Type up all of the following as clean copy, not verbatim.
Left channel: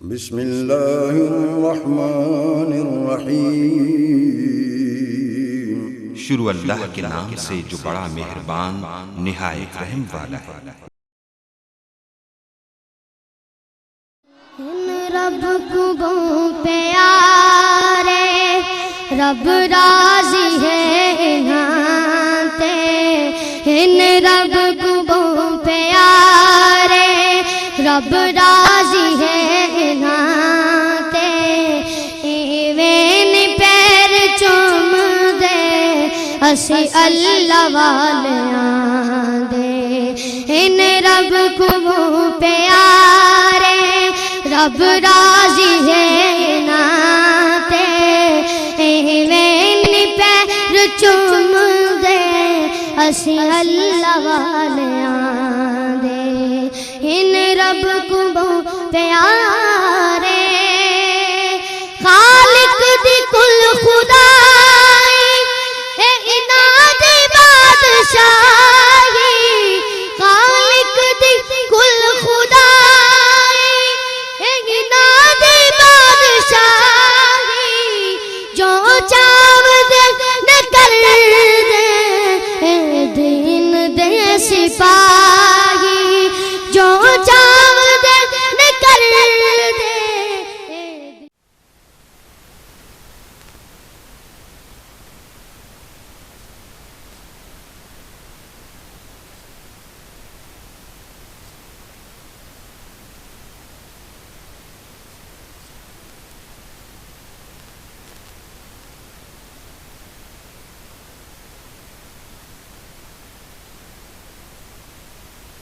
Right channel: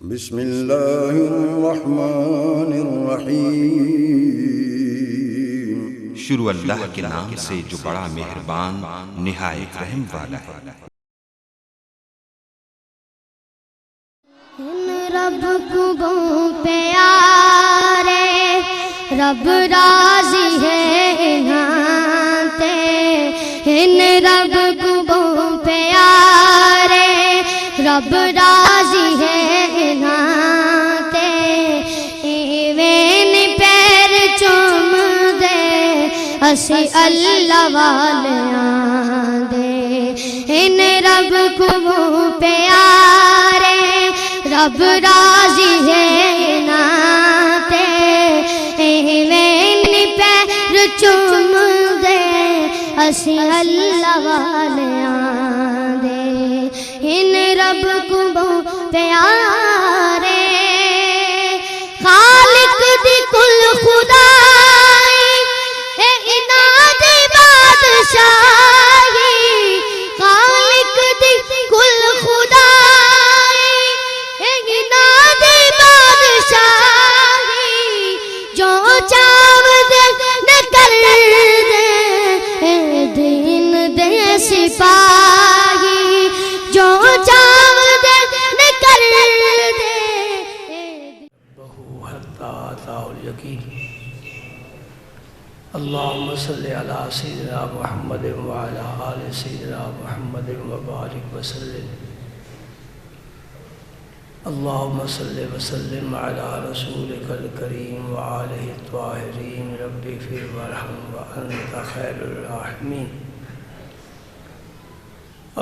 بسم اللہ الرحمن الرحیم۔ شروع اللہ کے نام سے جو بڑا مہربان نہایت رحم والا ہے۔ رب کو پیارے رب راضی ہے انہاں ان رب کو پیارے رب راضی ہے انہاں ایویں پیر چوم دے اسی اللہ والیاں دے ان رب کو پیارے رب راضی ہے ناتے ایویں پیر چوم دے اسی اللہ والیاں دے ان رب کو پیارے خالق دی کل خدائی اے انہاں دی بادشاہی خالق دی کل خدائی جو چاو دے نہ کر دے دین دے سپاہی جو چاو دے نہ کر دے بہو حتی آتا الیقین۔ اللہم صلی علی سیدنا محمد وعلی آل سیدنا محمد وبارک وسلم۔ اللہم صلی وسلم علی رسولک الکریم وآلہ الطاہرین رب اغفر وارحم وانت خیر الراحمین۔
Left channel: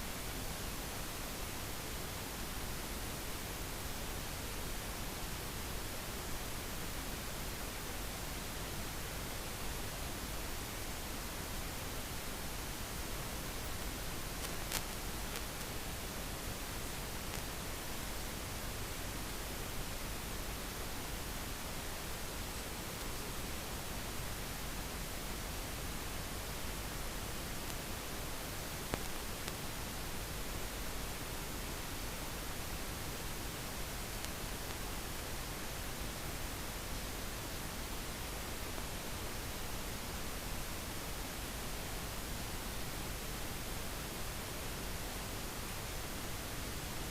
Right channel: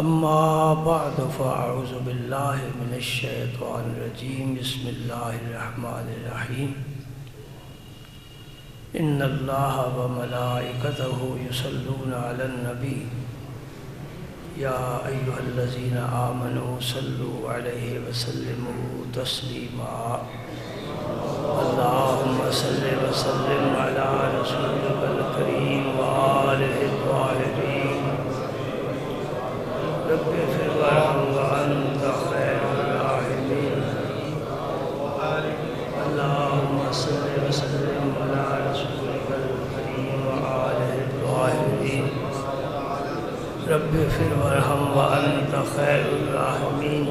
اما بعد فاعوذ باللہ من الشیطان الرجیم بسم اللہ الرحمن الرحیم۔ ان اللہ وملائکتہ یصلون علی النبی یا ایہا الذین آمنوا صلوا علیہ وسلموا تسلیما۔ اللہم صلی وسلم علی رسولک الکریم وآلہ الطاہرین رب اغفر وارحم وانت خیر الراحمین۔ اللہم صلی وسلم علی رسولک الکریم وآلہ الطاہرین رب اغفر وارحم وانت خیر الراحمین۔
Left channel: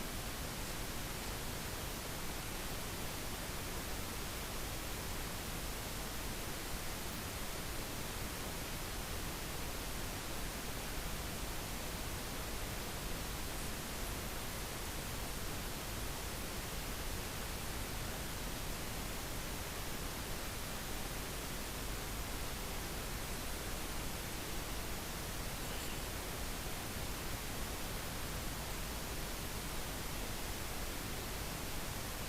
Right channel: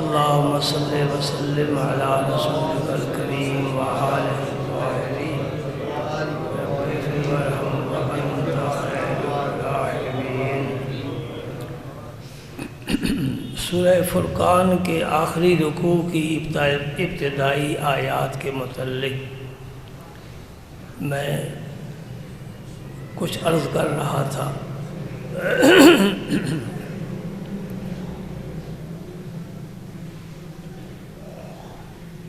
اللہم صلی وسلم علی رسولک الکریم وآلہ الطاہرین رب اغفر وارحم وانت خیر الراحمین۔ سورہ فرقان کے آخری رکوع کی ابتدائی آیات کے متعلق میں کچھ عرض کر رہا تھا۔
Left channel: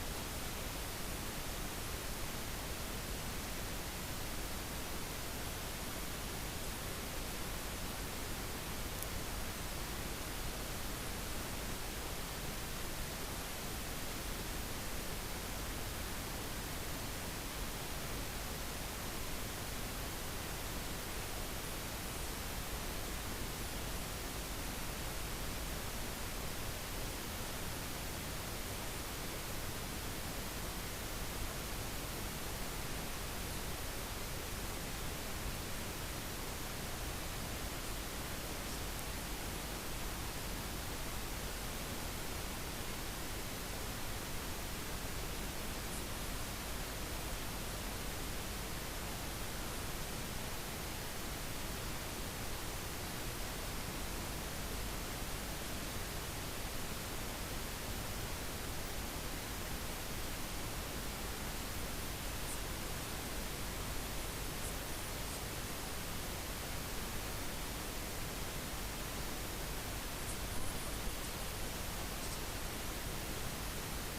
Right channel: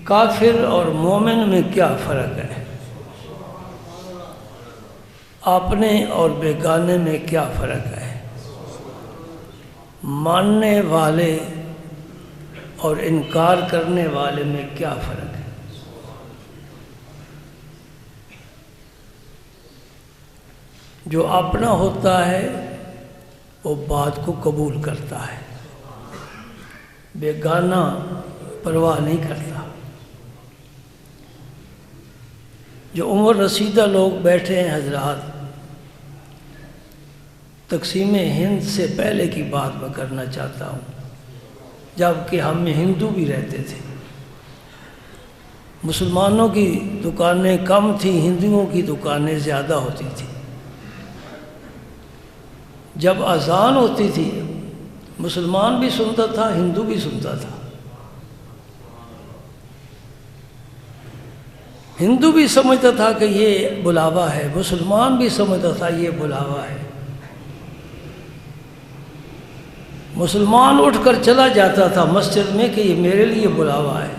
کافر اور مومن میں کیا فرق ہے؟ اپنے اور بیگانے میں کیا فرق ہے؟ ماننے والے اور انکار کرنے والے میں کیا فرق ہے؟ جو اپنا ہوتا ہے وہ بات کو قبول کرتا ہے، بیگانہ پرواہ نہیں کرتا۔ جو عمر رسیدہ لوگ بیٹھے ہیں حضرات، تقسیم ہند سے پہلے کی بات میں کرنا چاہتا ہوں، جب کہ ہم میں ہندو بھی رہتے تھے۔ مسلمانوں کی دکانیں کم تھیں، ہندوؤں کی دکانیں زیادہ ہوتی تھیں۔ جب اذان ہوتی تھی مسلمان بھی سنتا تھا، ہندو بھی سنتا تھا۔ ہندو بھی سمجھتا تھا کہ یہ بلاوا ہے، مسلمان بھی سمجھتا تھا یہ بلاوا ہے۔ مسلمان اٹھ کر چلا جاتا تھا مسجد میں کہ یہ میرے لیے بلاوا ہے،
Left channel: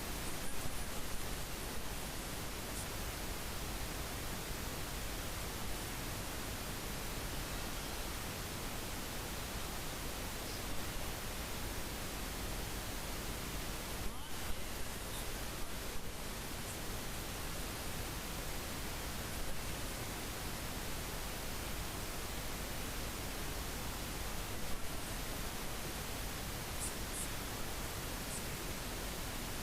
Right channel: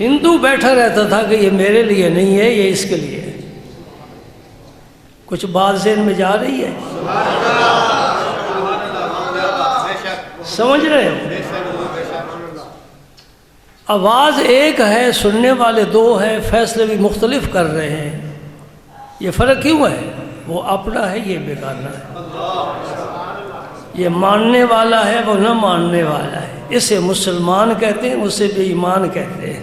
ہندو بیٹھا رہتا تھا کہ یہ میرے لیے نہیں ہے، یہ اس کے لیے ہے۔ کچھ بات ذہن میں جا رہی ہے؟ سمجھ رہے ہو؟ آواز ایک ہے، سننے والے دو ہیں، فیصلے بھی مختلف کر رہے ہیں۔ یہ فرق کیوں ہے؟ وہ اپنا ہے، یہ بیگانہ ہے۔ یہ ماننے والا ہے وہ نہ ماننے والا ہے، اسے مسلمان کہتے ہیں، اسے بے ایمان کہتے ہیں۔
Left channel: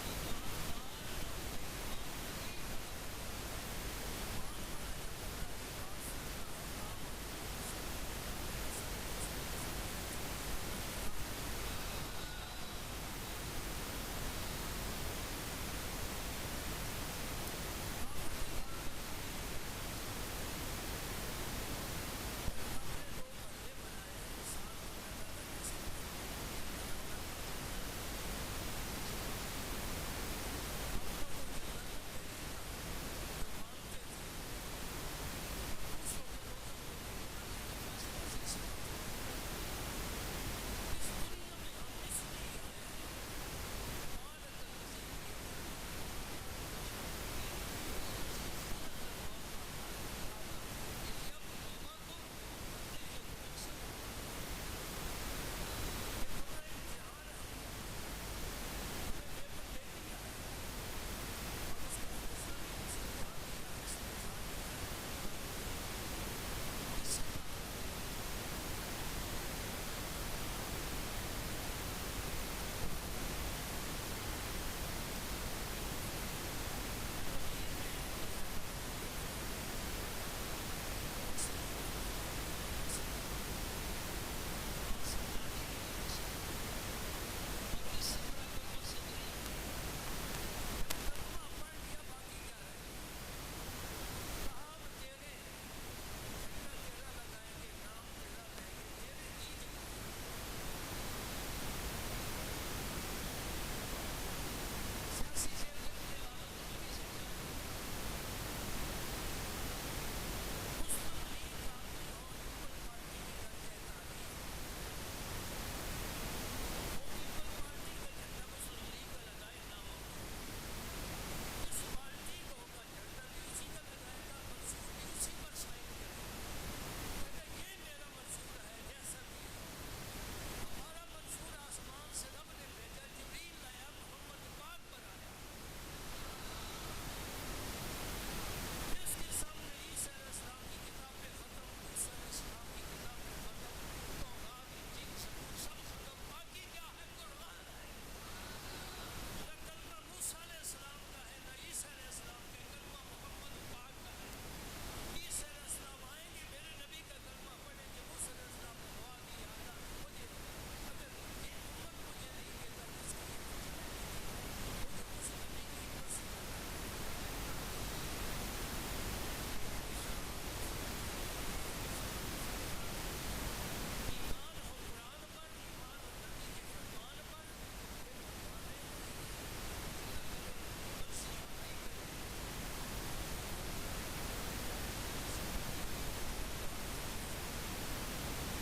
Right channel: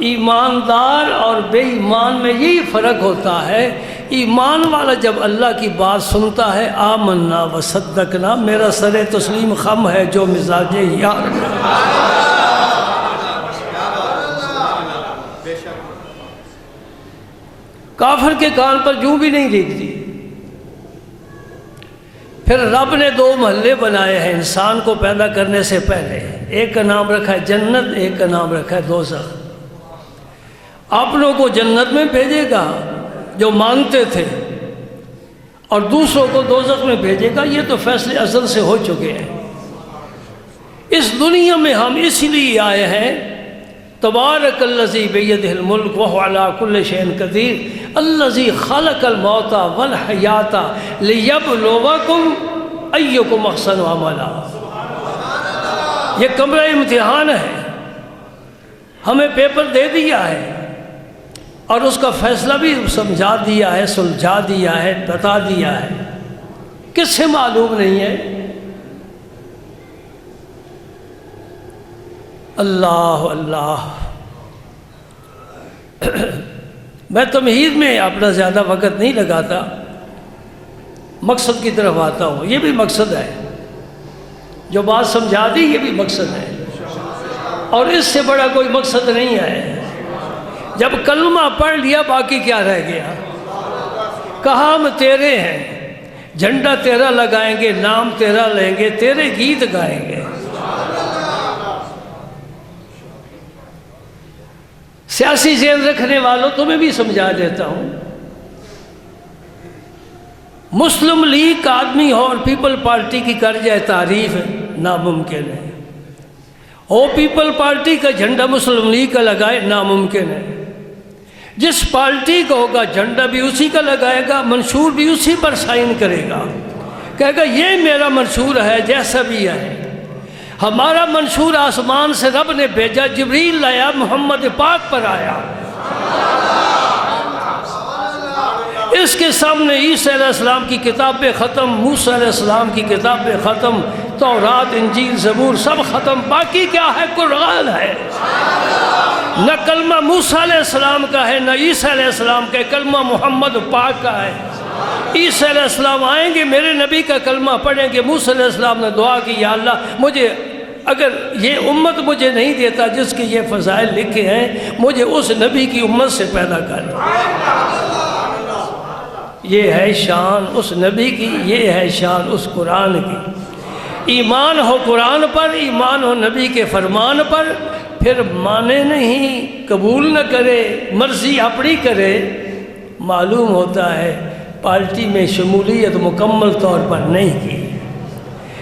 ایماندار اور بے ایمان میں یہی فرق ہوتا ہے۔ ایمان والا جب اللہ کی بات سنتا ہے آمنا و صدقنا، میرا سر تسلیم خم ہے جو مزاج یار۔ کافر کے کان پر جوں بھی نہیں ریگتی۔ پھر رب نے دو محلے بنائے ہیں انسان کو پیدا کرنے سے پہلے، ایک کا نام رکھا ہے جنت، ایک کا نام رکھا ہے دوزخ۔ اپنوں کو جنت میں بھیجے گا جو مانتے تھے، اور دوسروں کو دوزخ میں بھیجے گا، یہ تو فیصلے ازل سے ہو چکے ہیں۔ اس دنیا میں ہم اس لیے آئے ہیں، تبارک الذی بیدہ الملک وہو علی کل شیء قدیر الذی خلق الموت والحیات لیبلوکم ایکم احسن عملا۔ یہ کمرہ امتحان ہے، ہمیں پیپر دے دیا ہے اور اس کا فیصلہ بھی سمجھا دیا ہے، سلجھا دیا ہے، بتا دیا ہے۔ کس سے معلوم نہیں ہے؟ اللہ اللہ۔ میں تمہید میں اپنا زیادہ وقت نہیں لگاتا، مقصد کی طرف آتا ہوں۔ یہ بھی مقصد ہے، جو بات سمجھا دی یہ بھی مقصد ہے، اور اس سے بڑا کوئی مقصد نہیں ہے۔ جب کلمہ پڑھ لیا باقی کیا رہ گیا؟ کہا ہم تیرے ہیں، جھنڈا تیرا لگائیں گے، نام تیرا لیں گے، تیرے گیت گائیں گے۔ سیاسی ذہن رکھنے والوں تمہیں بھی سمجھا دیتا ہوں، مسلم لیگ کا آدمی ہو اور پیپل پارٹی کی کر جائے تعریف، ناممکن ہے۔ وہ پیپل پارٹی کا جھنڈا مسلم لیگ کا لگائے، ناممکن ہے۔ جس پارٹی کا ہوگا جھنڈا بھی اسی کا لگائے گا، منشور بھی اسی پر سائن کرے گا، کہے گا یہ میرا منشور ہے جیسا بھی ہے۔ ہمارا منشور آسمان سے رب نے بھیجا، جبریل لایا، محمد پاک پر آیا۔ اس کے سامنے عیسیٰ علیہ السلام کی کتابیں ختم، موسیٰ علیہ السلام کی کتابیں ختم، تورات، انجیل، زبور سب ختم، باقی کیا ہے؟ قرآن ہے۔ نہ کلمہ موسیٰ علیہ السلام کا ہے، نہ عیسیٰ علیہ السلام کا ہے، کلمہ محمد پاک کا ہے۔ عیسیٰ علیہ السلام آئیں گے، میرے نبی کا کلمہ پڑھیں گے۔ موسیٰ علیہ السلام نے دعا کی، یا اللہ مجھے اگر یہ امت مجھے نہیں دیتا جس کے یہ فضائل لکھے ہیں، مجھے اس نبی کی امت سے پیدا کر۔ یہ ہے شان اس نبی کی، یہ ہے شان اس قرآن کی۔ ایمان ہو قرآن پر، ایمان ہو نبی کے فرمان پر، پھر مانے نہیں، قبول نہ کرے، مرضی اپنی کرے، معلوم ہوتا ہے پارٹی میں شمولیت مکمل طور پر نہیں کی۔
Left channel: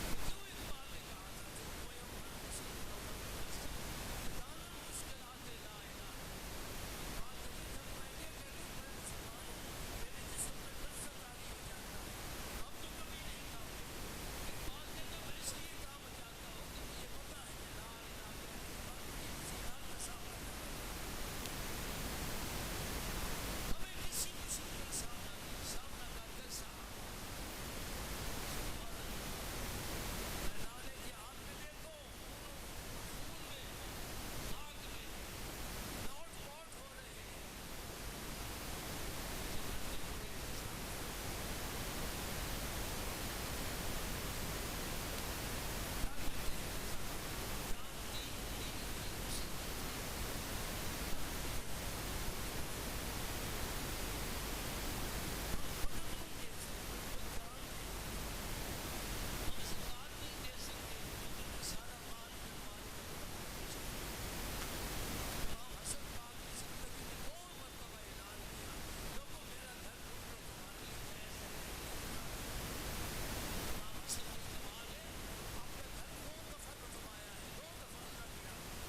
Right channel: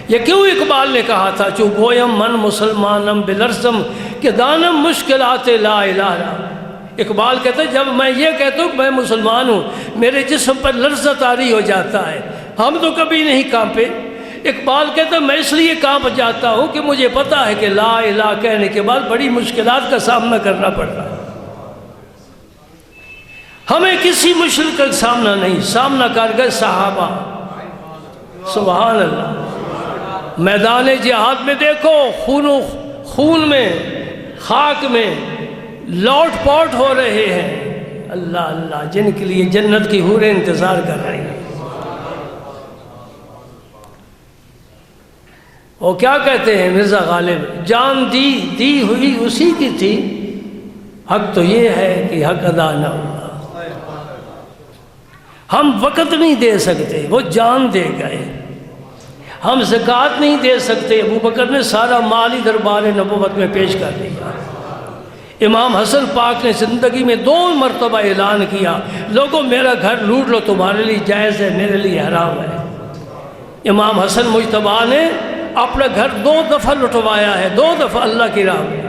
یہ کیوں اقبال نے کہا تھا، چو گویم من مسلمانم بلرزم کہ دانم مشکلات لا الہ۔ اقبال کہتا ہے جب میں یہ کہتا ہوں کہ میں مسلمان ہوں، میرے جسم پر لرزہ طاری ہو جاتا ہے۔ ہم تو کبھی نہیں کانپے۔ اقبال کہتا ہے میں اس لیے کانپ جاتا ہوں کہ مجھے پتا ہے کہ لا الہ کہنے کے بعد بڑی مشکلات کا سامنا کرنا پڑتا ہے۔ ہمیں کسی مشکل کا سامنا نہیں، سامنا کر گئے صحابہ۔ سبحان اللہ۔ میدان جہاد میں دیکھو، خون میں، خاک میں لوٹ پوٹ ہو رہے ہیں، اللہ اللہ، جن کے لیے جنت کی حوریں انتظار کر رہی ہیں۔ وہ کیا کہتے ہیں مرزا غالب، جان دی ہوئی اسی کی تھی، حق تو یہ ہے کہ حق ادا نہ ہوا۔ ہم وقت نہیں دے سکتے، وہ جان دے گئے۔ ہم زکوٰۃ نہیں دے سکتے، ابو بکر نے سارا مال ہی دربار نبوت میں پیش کر دیا۔ امام حسن پاک نے زندگی میں 2 مرتبہ اعلان کیا، لوگوں میرا گھر لوٹ لو، تمہارے لیے جائز ہے، میرے لیے حرام ہے۔ امام حسن مجتبیٰ نے اپنا گھر 2 دفعہ لٹوایا ہے، 2 دفعہ اللہ کی راہ میں۔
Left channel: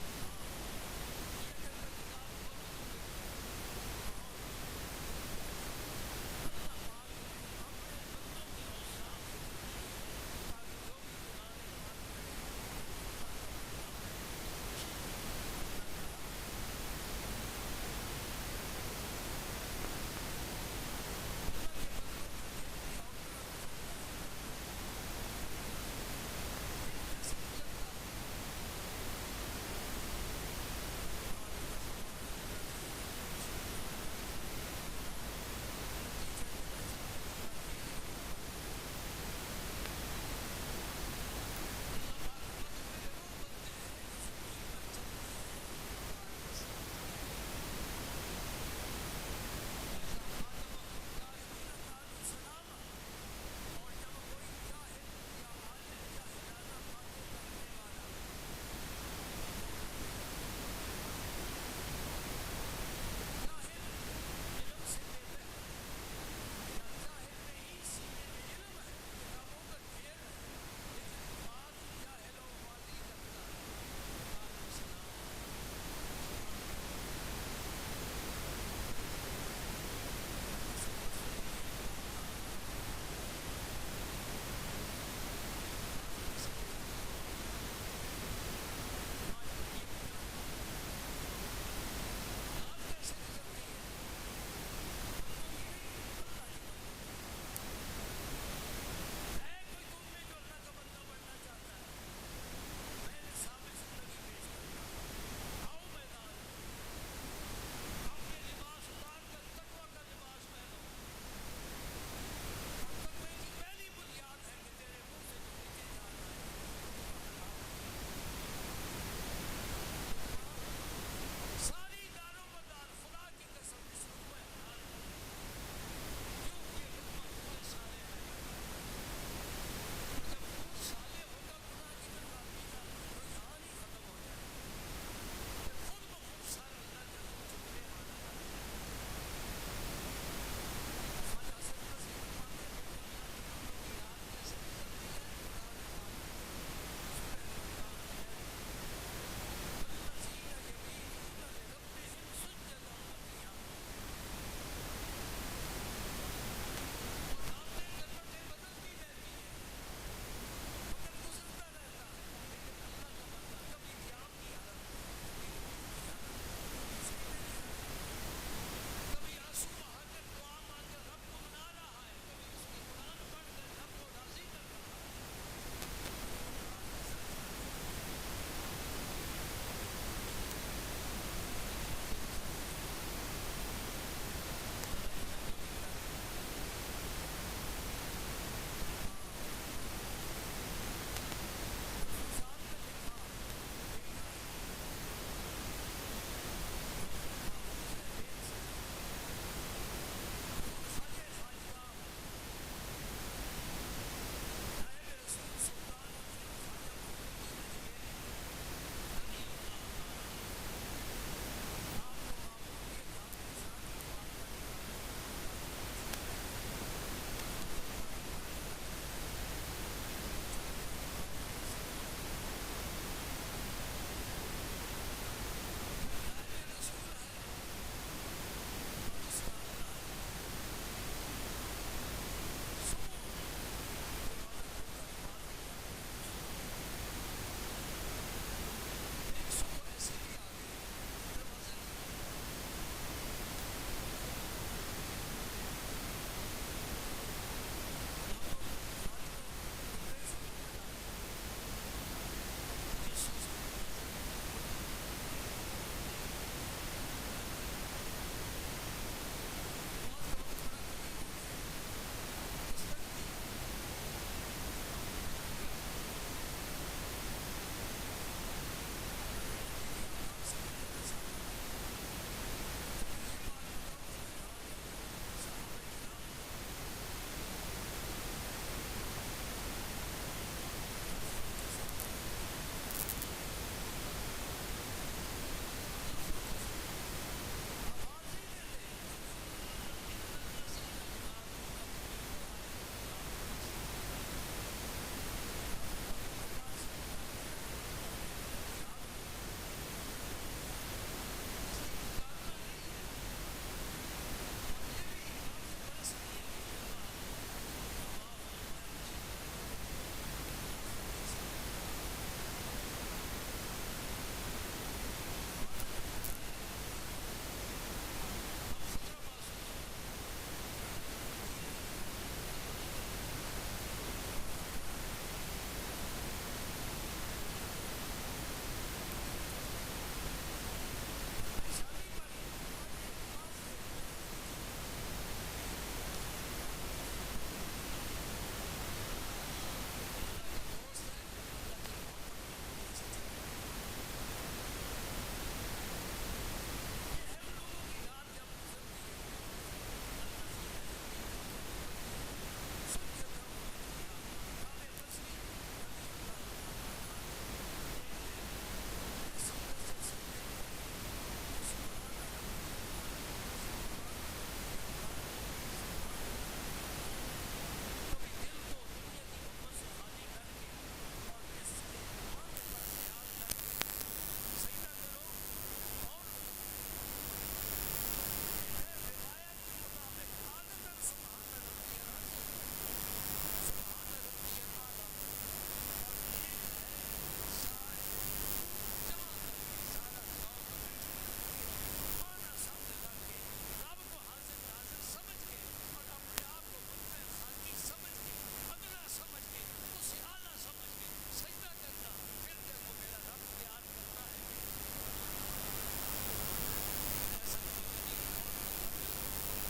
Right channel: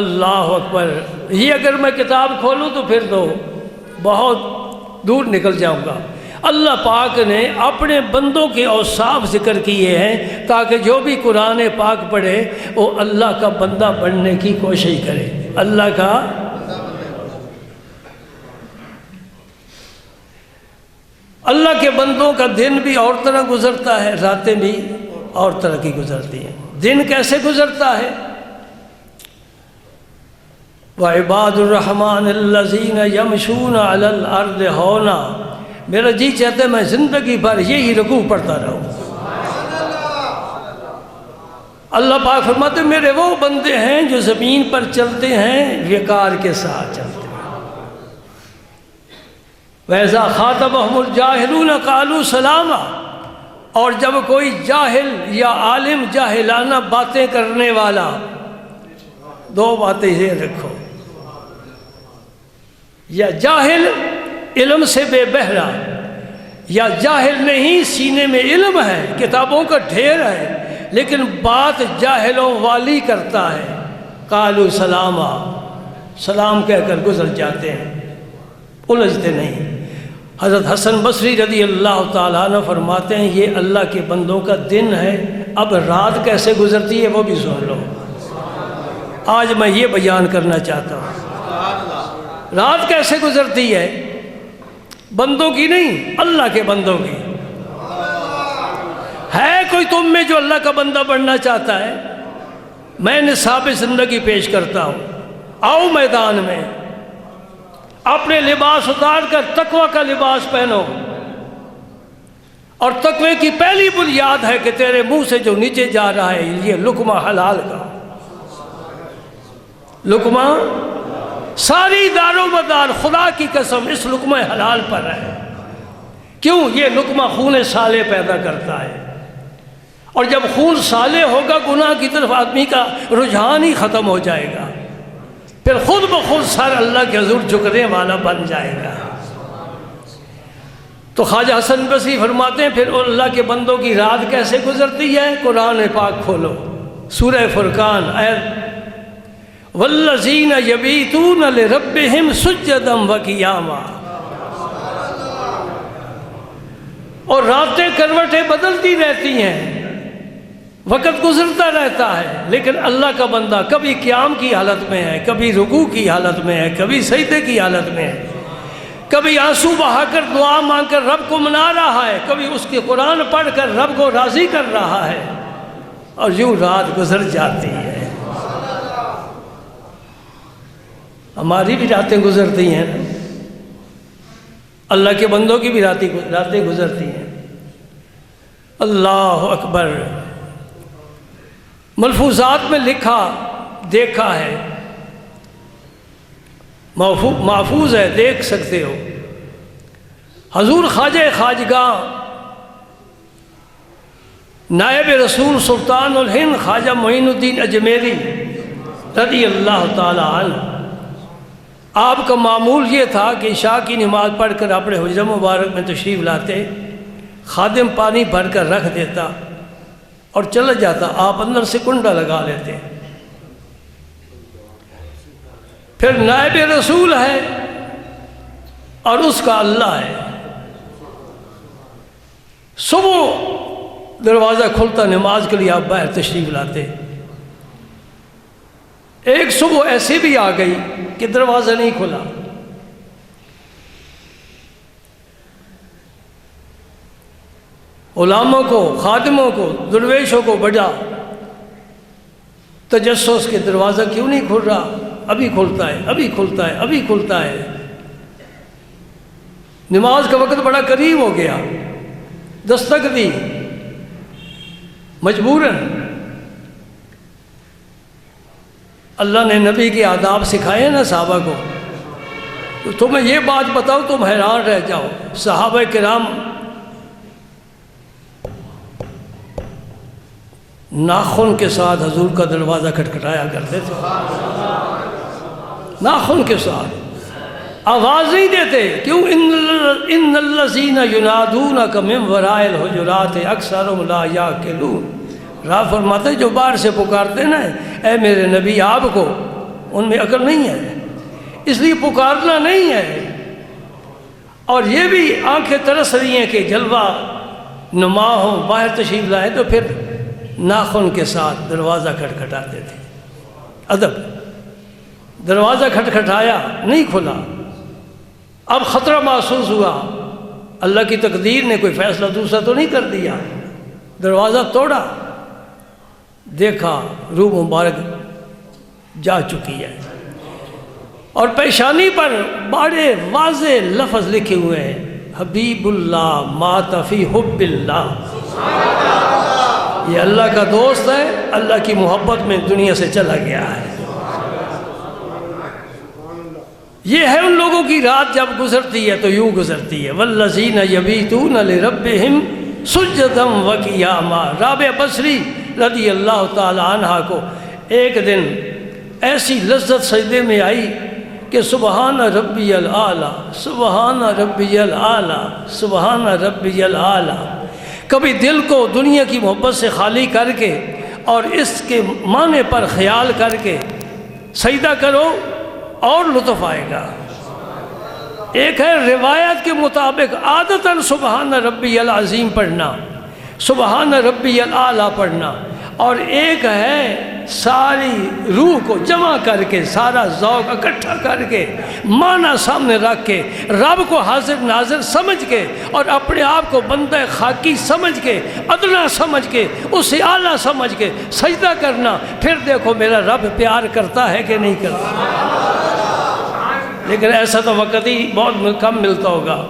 اللہ اکبر۔ یہ اگر میں کتاب کھولوں تو پھر تو بہت دور نکل جاؤں گا۔ اللہ پاک نے اپنے بندوں کے اوصاف ذکر کیے ہیں تاکہ جو بھی قرآن پاک پڑھے وہ اللہ کا بندہ بننے کی کوشش کرے، اللہ کا۔ اللہ کے بندوں کا دن بھی اور طرح گزرتا ہے، راتیں بھی اور طرح کی گزرتی ہیں۔ دن کیسے گزرتا ہے؟ وَعِبَادُ الرَّحْمَنِ الَّذِينَ يَمْشُونَ عَلَى الْأَرْضِ هَوْنًا، میرا جی چاہتا ہے میں زندگی بھر یہی رکوع پڑھتا رہوں۔ اللہ پاک فرماتے ہیں میرے وہ بندے ہیں جو زمین پر چلتے ہیں وقار کے ساتھ چلتے ہیں۔ وَإِذَا خَاطَبَهُمُ الْجَاهِلُونَ قَالُوا سَلَامًا، اور جب کوئی جاہل یا عالم جاہلانہ باتیں کرنے والا، دو باتیں یہ رکھو، یا جاہل علم سے بے بہرا، یا جاہل نہیں سینے میں علم ہے، کتابوں کا ڈھیر ہے لیکن بات جاہلوں والی کرتا ہے، قالوا سلاما، سلام کہہ کر گزر جاتے ہیں، الجھتے نہیں۔ حضرت حسن بصری رضی اللہ تعالیٰ عنہ فرماتے ہیں یہ اللہ کے بندوں کا دن ہے، اب رات کیسے گزرتی ہے وہ بھی سن لو۔ آج میں یہ بیان کرنا چاہتا ہوں، رات کیسے گزرتی ہے، بندوں کی نہیں، اللہ کے بندوں کی۔ ہے کوئی تم میں جو اللہ کا بندہ بننا چاہتا ہے؟ میں نصاب زندگی پیش کرتا ہوں، آؤ میدان میں، اپنے لباس اتار کر تقوی کا لباس پہنو، اور تقوی کی پہلی بنیاد ہے کہ تیرے منہ سے جو نیچے جا رہا ہے یہ لقمہ حلال کا، لقمہ ساری دار و مدار خدا کی قسم اس لقمہ حلال پر ہے۔ کیوں؟ یہ لقمہ خون صالح پیدا کرتا ہے، اور جب خون صالح ہوگا گناہ کی طرف آدمی کا رجحان ہی ختم ہو جائے گا، پھر خود بخود سر اللہ کے حضور جھکنے والا بن جائے گا۔ تو خواجہ حسن بصری فرماتے ہیں پھر اللہ کے بندوں کی رات کیسے گزرتی ہے؟ قرآن پاک کھولو، سورہ فرقان آیت وَالَّذِينَ يَبِيتُونَ لِرَبِّهِمْ سُجَّدًا وَقِيَامًا، اور راتیں کروٹیں بدلتی رہتی ہیں، وقت گزرتا رہتا ہے، لیکن اللہ کا بندہ کبھی قیام کی حالت میں ہے، کبھی رکوع کی حالت میں ہے، کبھی سجدے کی حالت میں ہے، کبھی آنسو بہا کر دعا مانگ کر رب کو منا رہا ہے، کبھی اس کے قرآن پڑھ کر رب کو راضی کر رہا ہے، اور یوں رات گزر جاتی ہے۔ ہماری بھی راتیں گزرتی ہیں، اللہ کے بندوں کی بھی راتیں گزرتی ہیں۔ اللہ اکبر، ملفوظات میں لکھا دیکھا ہے، محفوظ ہے، دیکھ سکتے ہو۔ حضور خواجہ خواجگاہ نائب رسول سلطان الہند خواجہ معین الدین اجمیری رضی اللہ تعالی عنہ، آپ کا معمول یہ تھا کہ عشاء کی نماز پڑھ کر اپنے حجرہ مبارک میں تشریف لاتے، خادم پانی بھر کر رکھ دیتا اور چلا جاتا، آپ اندر سے کنڈا لگا لیتے۔ پھر نائب رسول ہے اور اس کا اللہ ہے، صبح دروازہ کھلتا، نماز کے لیے آپ باہر تشریف لاتے۔ ایک صبح ایسے بھی آ گئی کہ دروازہ نہیں کھلا، غلاموں کو، خادموں کو، درویشوں کو بڑا تجسس کے دروازہ کیوں نہیں کھل رہا، ابھی کھلتا ہے، ابھی کھلتا ہے، ابھی کھلتا ہے۔ نماز کا وقت بڑا قریب ہو گیا، دستک دی مجبوراً۔ اللہ نے نبی کے آداب سکھائے نا صحابہ کو، تو تمہیں یہ بات بتاؤ تم حیران رہ جاؤ، صحابہ کرام ناخن کے ساتھ حضور کا دروازہ کھٹکھٹایا کرتے تھے، ناخن کے ساتھ، آواز نہیں دیتے۔ کیوں؟ ان الذین ینادونک من وراء الحجرات اکثرهم لا یعقلون، راہ فرماتے جو باہر سے پکارتے نا اے میرے نبی آپ کو، ان میں عقل نہیں ہے، اس لیے پکارنا نہیں ہے۔ اور یہ بھی آنکھیں ترس رہی ہیں کہ جلوہ نما ہو، باہر تشریف لائے، تو پھر ناخن کے ساتھ دروازہ کھٹکھٹاتے تھے۔ ادب، دروازہ کھٹکھٹایا نہیں کھلا، اب خطرہ محسوس ہوا، اللہ کی تقدیر نے کوئی فیصلہ دوسرا تو نہیں کر دیا، دروازہ توڑا، دیکھا روح مبارک جا چکی ہے، اور پیشانی پر بڑے واضح لفظ لکھے ہوئے ہیں، حبیب اللہ مات فی حب اللہ، یہ اللہ کا دوست ہے، اللہ کی محبت میں دنیا سے چلا گیا ہے۔ یہ ہے ان لوگوں کی رات جب گزرتی ہے تو یوں گزرتی ہے، والذین یبیتون لربہم سجدا وقیاما۔ رابعہ بصری رضی اللہ تعالی عنہ کو ایک دن ایسی لذت سجدے میں آئی کہ سبحان ربی العالی، سبحان ربی العالی، سبحان ربی العالی۔ کبھی دل کو دنیا کی محبت سے خالی کر کے اور اس کے معنی پر خیال کر کے سجدہ کرو اور لطف آئے گا۔ ایک ہے روایت کے مطابق عادتاً سبحان ربی العظیم پڑھنا، سبحان ربی العالی پڑھنا، اور ایک ہے ساری روح کو جمع کر کے، سارا ذوق اکٹھا کر کے، معنی سامنے رکھ کے، رب کو حاضر ناظر سمجھ کے اور اپنے آپ کو بندہ خاکی سمجھ کے، ادنا سمجھ کے، اسے اعلیٰ سمجھ کے سجدہ کرنا۔ پھر دیکھو میرا رب پیار کرتا ہے کہ نہیں کرتا، لیکن ایسا تو وقت ہی بہت کم ملتا ہوگا۔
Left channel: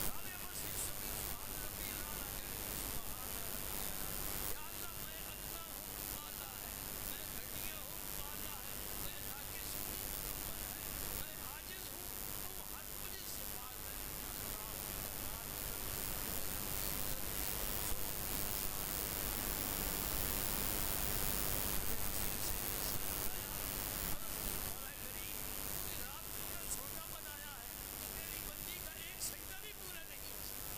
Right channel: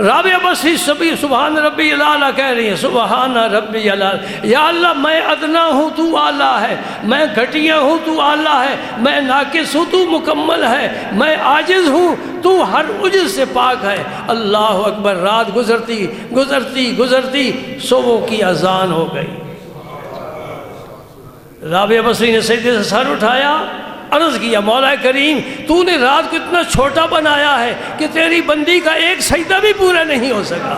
رابعہ بصری سبھی سبحان ربی العالی کہہ رہی ہیں، سبحان ربی العالی، یا اللہ میں ادنا ہوں تو اعلیٰ ہے، میں گھٹیا ہوں تو اعلیٰ ہے، میں ناقص ہوں تو مکمل ہے، میں عاجز ہوں تو ہر عجز سے پاک ہے۔ اللہ اکبر۔ رات گزرتی گزرتی گزرتی صبح کی اذان ہو گئی۔ رابعہ بصری نے سجدے سے سر اٹھایا، عرض کیا مولا کریم تو نے رات کو اتنا چھوٹا بنایا ہے کہ تیری بندی کا ایک سجدہ بھی پورا نہیں ہو سکا،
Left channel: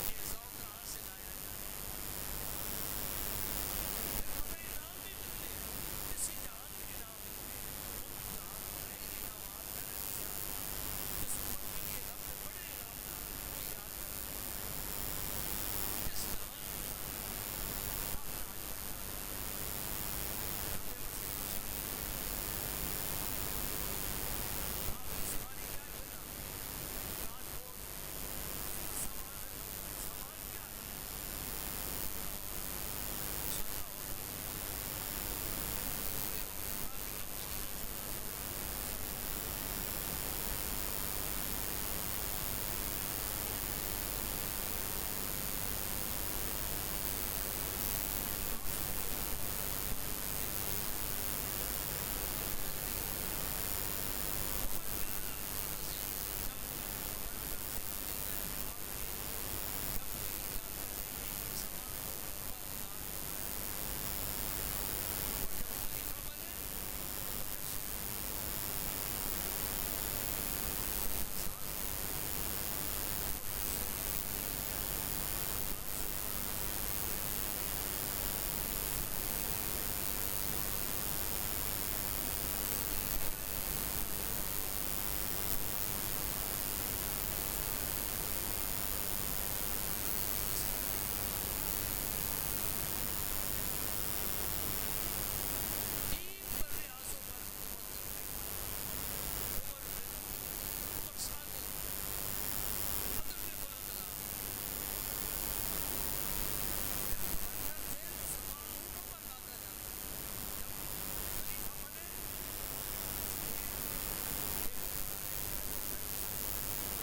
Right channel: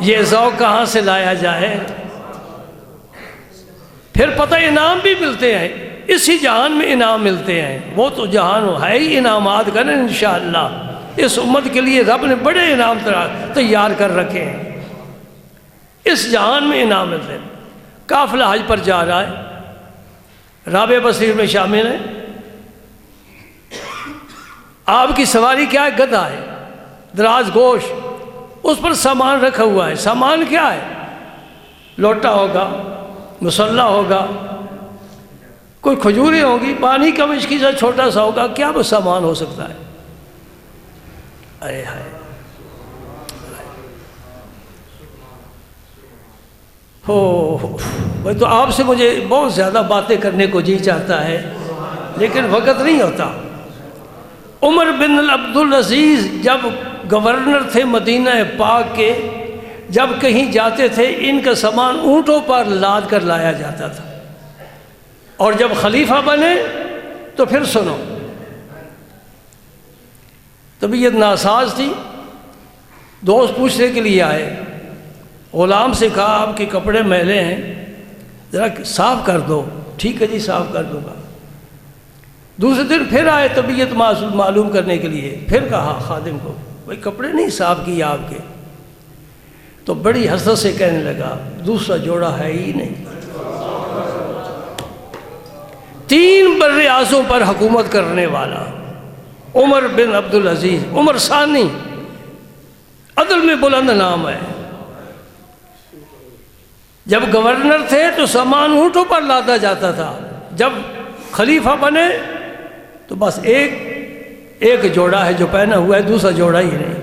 یہ ذوق کہاں سے لایا جائے؟ پھر پتہ انعام بھی ملتے ہیں، اسی جہان میں انعام ملتے ہیں، وہ تو جہان ہے ہی انعامات کا نا انشاءاللہ۔ اس امت کے لیے رب نے بڑے انعام تیار کر رکھے ہیں، اس جہان میں انعام ملتے ہیں۔ قافلہ حج پر جا رہا ہے، رابعہ بصری میں شامل ہے، آپ کی سواری کیا ہے؟ گدھا ہے، دراز گوش، اس پر سامان رکھا ہوا ہے۔ سامان کیا ہے؟ لوٹا ہوگا، مصلا ہوگا، کوئی کھجوریں ہوں گی، پانی کا مشکی سا چھوٹا سا ہوگا، کیا وہ سامان ہو سکتا ہے؟ ارے ہائے وہ تو آپ سے مجھے بہت زیادہ باتیں کرنے کو جی چاہتا ہے، لیکن وقت نہیں ہوتا۔ عمر بن عبدالعزیز جب گورنر تھے مدینہ پاک کے، جب کہیں جاتے تھے ان کا سامان اونٹوں پر لاد کر لایا جاتا تھا، اور جب خلیفہ بنے تو پھر سنو، طبیعت ناساز تھی، دوست پوچھنے کے لیے آئے، غلام سے کہا آپ کے کپڑے میلے ہیں ذرا صاف کر دو۔ ٹھیک ہے جی صاف کر دوں گا۔ دوسرے دن پھر آئے طبیعت معلوم کرنے کے لیے، پھر کہا خادم کو بھائی کپڑے نہیں صاف کیے آپ کے، تو بڑی حسرت سے کہنے لگا دوسرا جوڑا ہے ہی نہیں۔ 3 بر اعظم پر حکومت کرنے والا عمر بن عبدالعزیز، عمر ثانی، عدل میں بلند نام ہے۔ جب گورنر تھے تو سامان اونٹوں پر لادا جاتا تھا، جب خلیفہ بنے تو بس ایک جوڑا ہے جو پہنا ہوا ہے، دوسرا جوڑا ہی نہیں۔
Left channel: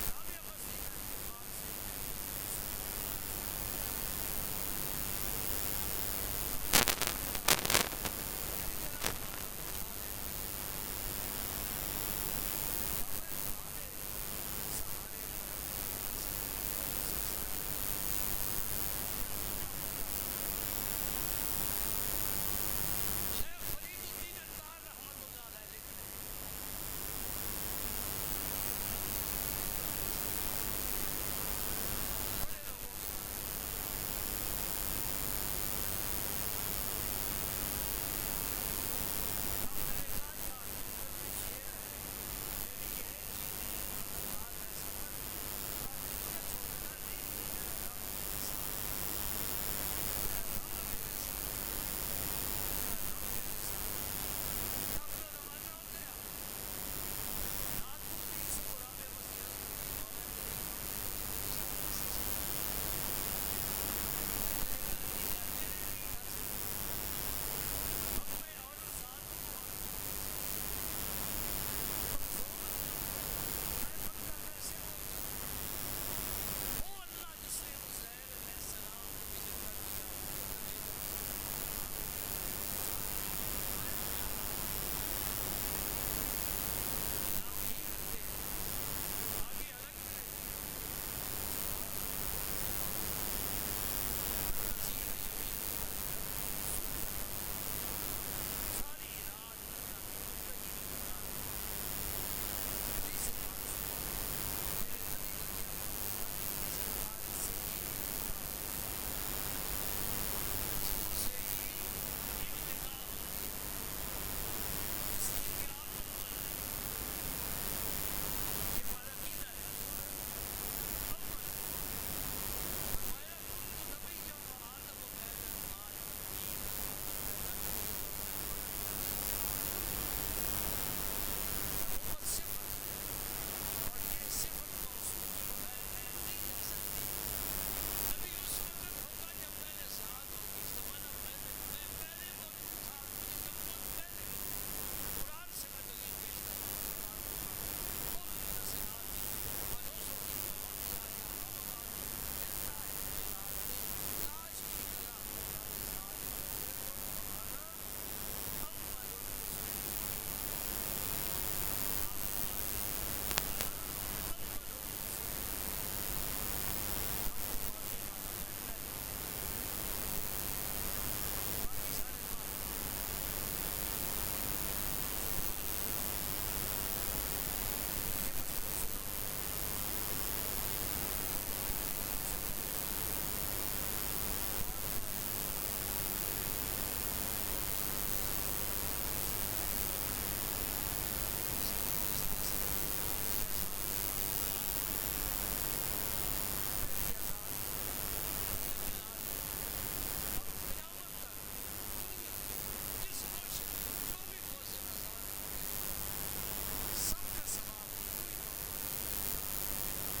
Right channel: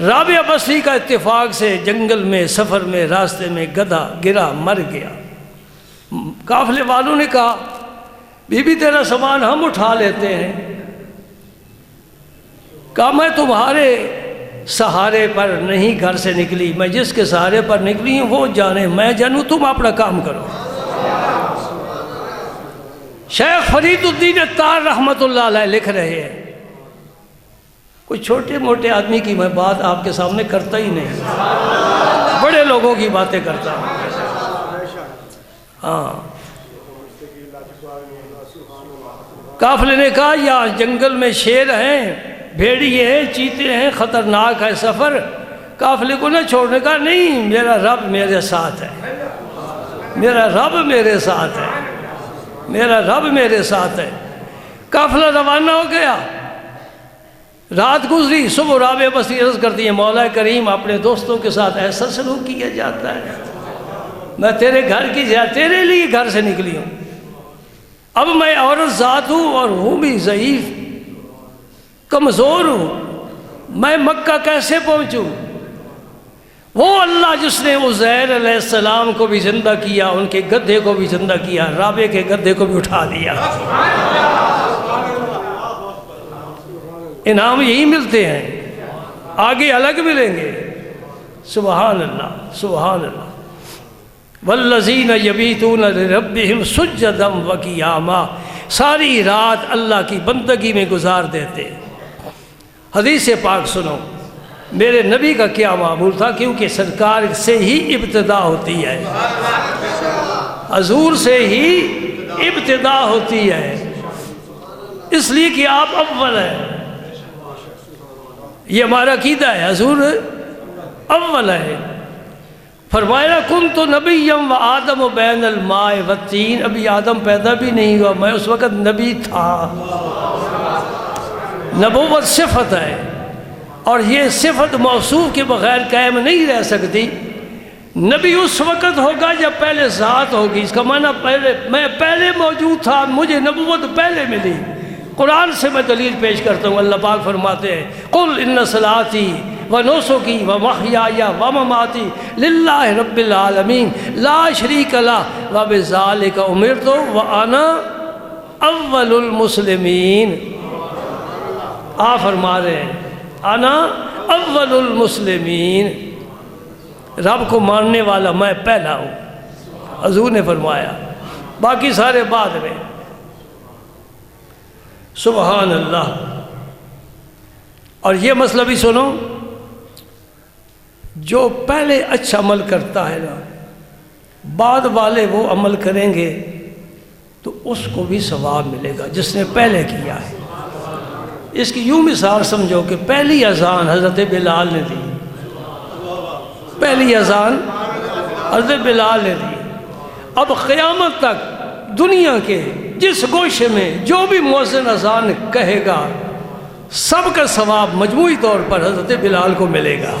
رابعہ بصری کا اتفاق سے جنگل میں سفر میں راستے میں گدھا گرا مر گیا۔ قافلے والوں نے کہا بی بی تیرا سامان ہم اٹھا لیتے ہیں۔ کہا میں تمہارے سہارے پر نہیں گھر سے نکلی، میں جس کے سہارے پر نکلی ہوں وہ جانے، میں جانوں، تم اپنا کام کرو۔ شیخ فرید الدین اتار رحمۃ اللہ علیہ لکھ رہے ہیں، کوئی چھوٹے موٹے آدمی کی میں بات آپ کے سامنے کرتا ہی نہیں، بڑے لوگوں کی باتیں کرتا ہوں۔ ہاں، قافلے نے کہا یا جنگل میں شیر ہیں، بھیڑیے ہیں، چیتے ہیں، خطرناک ہے سفر۔ قافلے کو نہ چھوڑنے کا، نہیں میرا رب میرے ساتھ ہے، میرا رب میرے ساتھ ہے، میرا رب میرے ساتھ ہے۔ قافلہ روانہ ہو گیا، رات گزری، صبح رابعہ بصری عرض کرتی ہیں مولا کریم اپنے دوستوں کے ساتھ ایسا سلوک کیا جاتا ہے؟ میں تیرے گھر کی تیرے لیے گھر سے نکلی ہوں، اب میں عورت ذات ہوں اور ہوں بھی ضعیف کمزور ہوں، میں مکہ کیسے پہنچوں؟ وہ اللہ جس نے عزیر علیہ السلام کو بھی زندہ کیا، ان کے گدھے کو بھی زندہ کیا، رابعہ کے گدھے کو بھی اٹھا دیا۔ انعام یہی ملتے ہیں، آگے الگ ملیں گے۔ سبحان اللہ سبحان اللہ۔ والذین یبیتون لربہم سجدا وقیاما، ساری رات اللہ کی بندگی میں گزار دیتے۔ حدیث پاک سنو، میرے نبی کا کیا معمول تھا، کیونکہ سرکار سے ہی ابتدا ہوتی ہے، حضور سے ہی ابتدا ہوتی ہے، اس لیے کہ آپ اول ہیں۔ یہ ہمارا عقیدہ ہے، حضور اول ہے۔ فرمایا کنت نبیا و آدم بین الماء والطین، ابھی آدم پیدا بھی نہیں ہوا، میں اس وقت نبی تھا۔ نبوت صفت ہے، اور یہ صفت موصوف کے بغیر قائم نہیں رہ سکتی۔ نبی اس وقت ہوگا جب پہلے ذات ہوگی، اس کا معنی میں پہلے موجود تھا، مجھے نبوت پہلے ملی۔ قرآن سے میں دلیل پیش کرتا ہوں، اللہ پاک فرماتے ہیں قل ان صلاتی و نسکی و محیای و مماتی للہ رب العالمین لا شریک لہ و بذالک امرت وانا اول المسلمین۔ آپ فرما رہے ہیں انا اول المسلمین، رب کو ماننے والا میں پہلا ہوں، حضور نے فرمایا، باقی سارے بعد میں۔ سبحان اللہ۔ اور یہ مسئلہ بھی سنو، جو پہلے اچھا عمل کرتا ہے نا، بعد والے وہ عمل کریں گے تو اس کو بھی ثواب ملے گا جس نے پہلے کیا ہے۔ اس کی یوں مثال سمجھو کہ پہلی اذان حضرت بلال نے دی، پہلی اذان حضرت بلال نے دی۔ اب قیامت تک دنیا کے جس گوشے میں جو بھی مؤذن اذان کہے گا، سب کا ثواب مجموعی طور پر حضرت بلال کو ملے گا۔